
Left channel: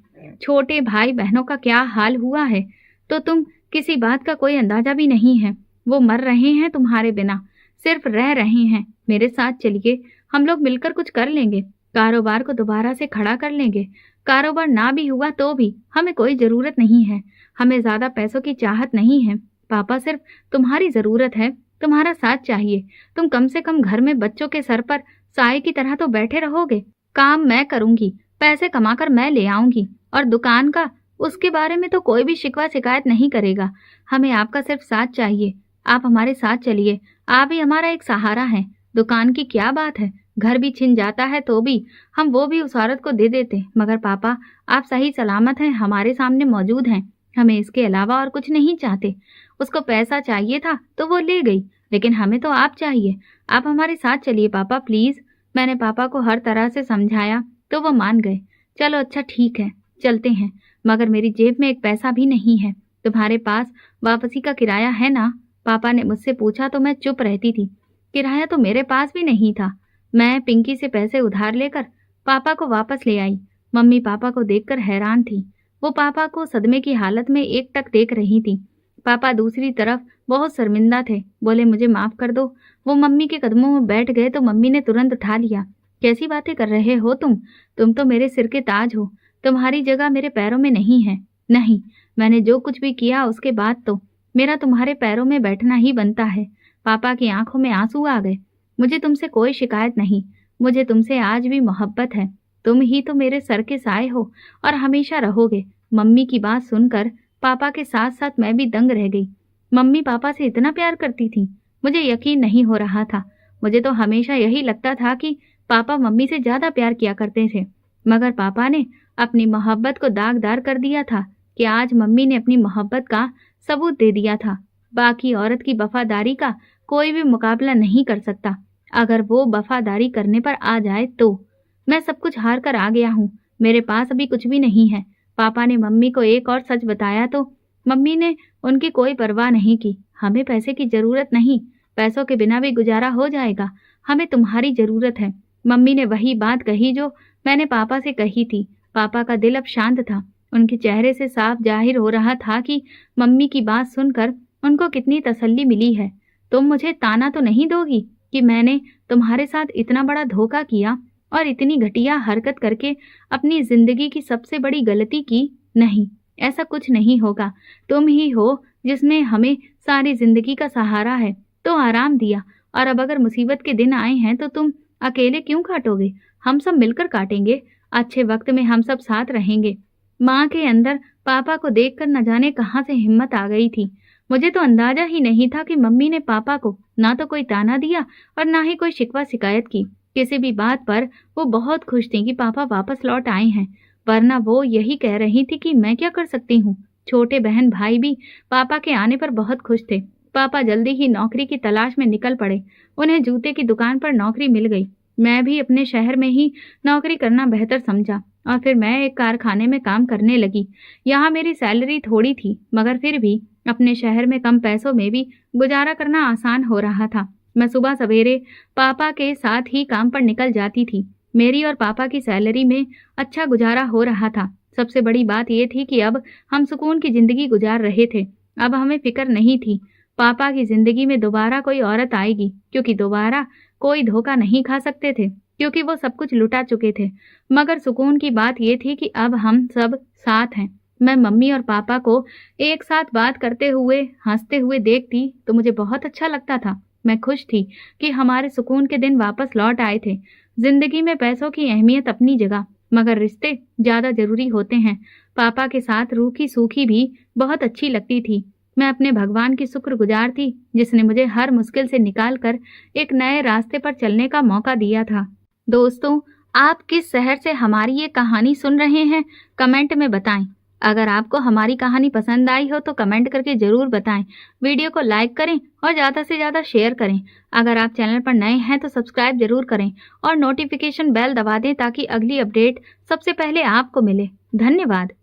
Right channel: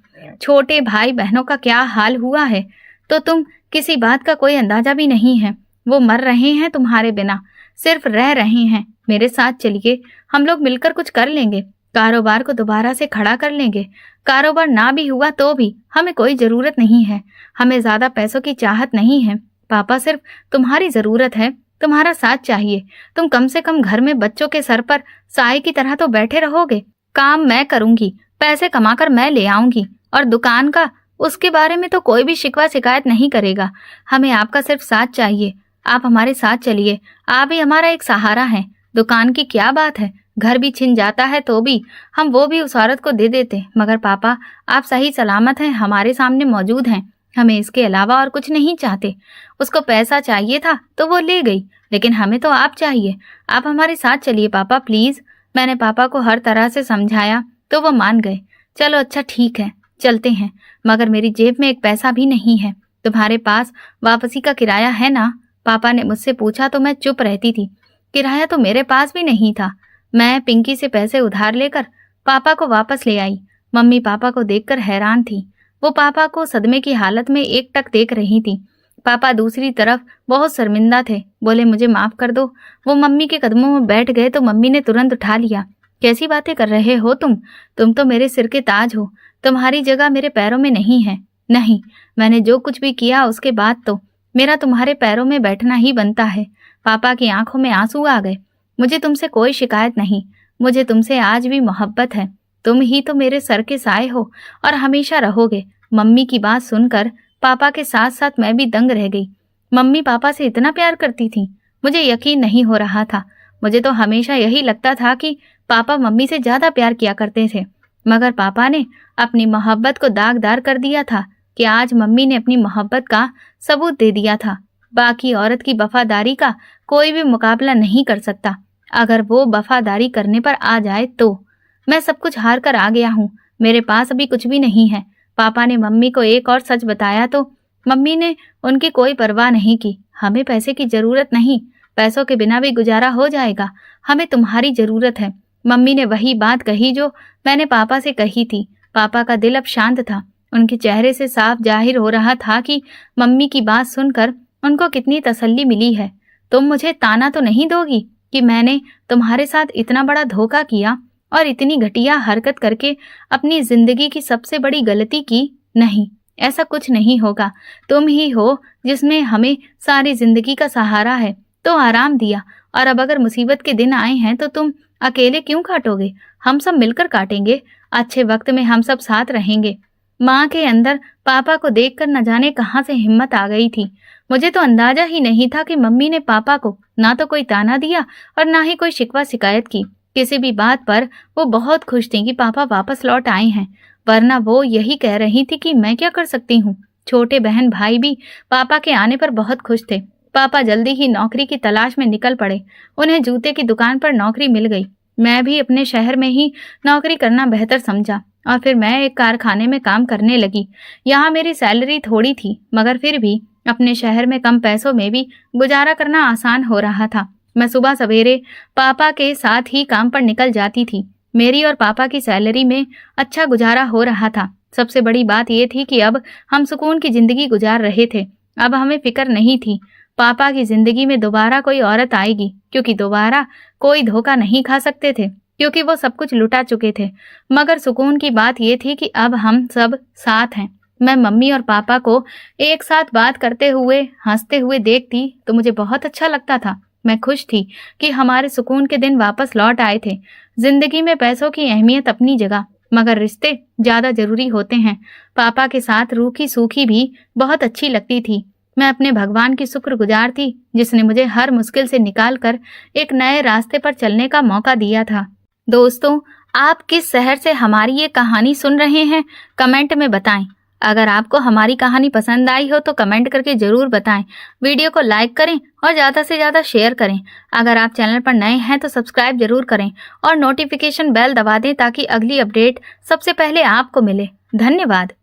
छोटे भाई बहनों का क्या हाल हुआ है तो तुम किसी बात का कोई अंदाजा भी नहीं है। वो मर रहे हैं तुम्हारे बिना, सिर्फ रह रहे हैं। मेरे साथ चलिए, हम लोग मिलकर कुछ कर लेंगे, कारोबार को दोबारा से खड़ा कर लेंगे। कारोबार ना भी हुआ तो भी हमें कोई जरूरत नहीं है, हमें ज्यादा पैसों की चाहत नहीं है। पापा, सिर्फ तुम्हारी जरूरत है, तुम्हारा साथ चाहिए। तुम कम से कम घर में बच्चों के सर पर साए की तरह तो बैठे रहोगे। काम मैं करूंगी, पैसे कमाकर मैं ले आऊंगी, और दुकान का, उसके बारे में तो कोई भी शिकवा शिकायत नहीं करेगा। हमें आपका सिर्फ साथ चाहिए। आप हमारे साथ चलिए, आप ही हमारा एक सहारा हैं। दुकान की क्या बात है, घर भी छिन जाता है तो भी हम वो भी उस औरत को दे देते, मगर पापा आप सही सलामत हैं, हमारे सामने मौजूद हैं। हमें इसके अलावा और कुछ नहीं चाहते। उसको पैसा चाहिए था तो वो ले गई, लेकिन हमें तो आप चाहिए। आप हमारे साथ चलिए पापा, प्लीज। मैंने पापा को हर तरह से समझाया तो वो मान गए। चलो अच्छा ठीक है, चलते हैं, मगर मेरी जेब में एक पैसा भी नहीं है। तुम्हारे पास वापसी का किराया है ना? पापा ने मुझसे पूछा तो मैं चुप रहती थी। किराया तो मेरे पास भी नहीं था। मैं पिंकी से पैसे उधार लेकर पापा को वापस ले आई। मम्मी पापा को देखकर हैरान थी। वो पापा को सदमे की हालत में एकटक देख रही थी। पापा दूसरी तरफ बहुत शर्मिंदा थे, बोले मुझे माफ कर दो। वो मम्मी के कदमों में बैठ गए तो मम्मी ने तुरंत उठा लिया। कैसी बातें कर रहे हो तुम तो मेरे सिर के ताज हो। तुम्हारी जगह मेरे पैरों में नहीं है। नहीं, मैंने जो कुछ भी किया उसके बाद तो मेरा तुम्हारे पैरों में बैठना ही बनता है। पापा की आंखों में आंसू आ गए। मुझे तुमसे कोई शिकायत नहीं, मुझे तुमसे आज भी मोहब्बत है। तुम ही तो मेरे सर के साए हो और हमेशा रहोगे। मम्मी की बात सुनकर पापा के साथ साथ मैं भी दंग रह गई। मम्मी पापा से इतना प्यार करती थी, मुझे यकीन नहीं हो रहा था। मुझे तो हमेशा यही लगता था कि पापा मम्मी से ज्यादा प्यार किया करते थे, मगर पापा ने अपनी मोहब्बत को दागदार कर दिया था कि आज मम्मी ने अपनी मोहब्बत का सबूत दे दिया था। बाकी औरत की वफादारी का कोई भी मुकाबला नहीं कर सकता। अगर वो वफादारी करने पर आ जाए तो मैं सब कुछ हार कर आ गया हूँ। मेरे पास अभी कुछ भी नहीं है। पापा ने मम्मी को एक और सच बताया तो मम्मी ने उनकी कोई परवाह नहीं की। हमें पैसे की जरूरत नहीं, पैसों के बिना भी गुजारा हो जाएगा, हमें तुम्हारी जरूरत है। मम्मी ने वही बात कही जो मैंने पापा से कही थी। पापा का दिल अब शांत था। उनके चेहरे से साफ जाहिर हो रहा था कि मम्मी की बात सुनकर उनको कितनी तसल्ली मिली है। तुम मुझे ताना तो नहीं दोगी कि मैंने तुम्हारे साथ इतना बड़ा धोखा किया और इतनी घटिया हरकत करके अपनी जिंदगी की सबसे बड़ी गलती की? नहीं, ऐसा कुछ नहीं होगा। तुम ही हो जिसमें हमें सारी जिंदगी का सहारा है, तो आराम दिया, और अब अगर मुसीबत के दिन आए हैं तो तुम अकेले क्यों काटोगे? हम सब मिलकर काटेंगे। अच्छे वक्त में हम सब साथ रहेंगे। माँ के अंदर पापा को देखकर न जाने कहाँ से हिम्मत आ गई थी। मुझे तो अंदाजा ही नहीं था कि मम्मी ने पापा को ना तो कोई ताना दिया और ना ही कोई शिकवा शिकायत की। किसी भी बात पर वो बहुत खुश थी कि पापा वापस लौट आए हैं, वरना वो यही कह रही थी कि मैं क्या कर सकती हूँ। छोटे बहन भाई भी पापा के आने पर बहुत खुश थे। पापा जल्दी ही नौकरी की तलाश में निकल पड़े। उन्हें जूते की दुकान पर नौकरी मिल गई। मैं भी अपने शहर में ही नौकरी करना बेहतर समझा और फिर मैं एक कारखाने में काम करने लगी। यहाँ मेरी सैलरी थोड़ी थी, मगर फिर भी अपने शहर में कम पैसों में भी गुजारा करना आसान हो रहा था। मैं सुबह सवेरे पापा के साथ ही काम पर निकल जाती थी। मेरी और पापा की सैलरी में अच्छा गुजारा हो रहा था। सबसे बड़ी बात यह थी कि अब हम सुकून की जिंदगी गुजार रहे थे। अब हमें फिक्र नहीं थी पापा की जिंदगी में दोबारा कोई औरत आएगी, क्योंकि दोबारा कोई धोखा नहीं खा सकते थे, क्योंकि वो सब कुछ लुटा चुके थे। मगर सुकून की बात यह थी कि अब हम सब साथ हैं। मैं मम्मी और पापा को एक साथ बात करते हुए, हंसते हुए देखती तो मुझे बहुत अच्छा लगता था। मैं खुश थी कि हमारे सुकून के दिन वापस लौट आए थे। जिंदगी में पैसों की अहमियत अपनी जगह, मगर रिश्ते ज्यादा जरूरी होते हैं। पापा के साथ रूखी सूखी भी बहुत अच्छी लगती थी। मैं अपने भगवान की शुक्रगुजार थी जिसने मुझे हर मुश्किल से निकाल कर एक नए रास्ते पर चलने का मौका दिया था। दोस्तों, आप किस शहर से हमारी ये कहानी सुन रहे हैं, कमेंट में बताएं। अगर आपको हमारी कहानी पसंद आई हो तो कमेंट करके ज़रूर बताएं। वीडियो को लाइक करें और ज़्यादा से ज़्यादा शेयर करें। अगर आप चैनल पर नए हैं तो सब्सक्राइब ज़रूर करें और नोटिफिकेशन बेल दबा दें ताकि अगली अपडेट सबसे पहले आपको मिले। धन्यवाद।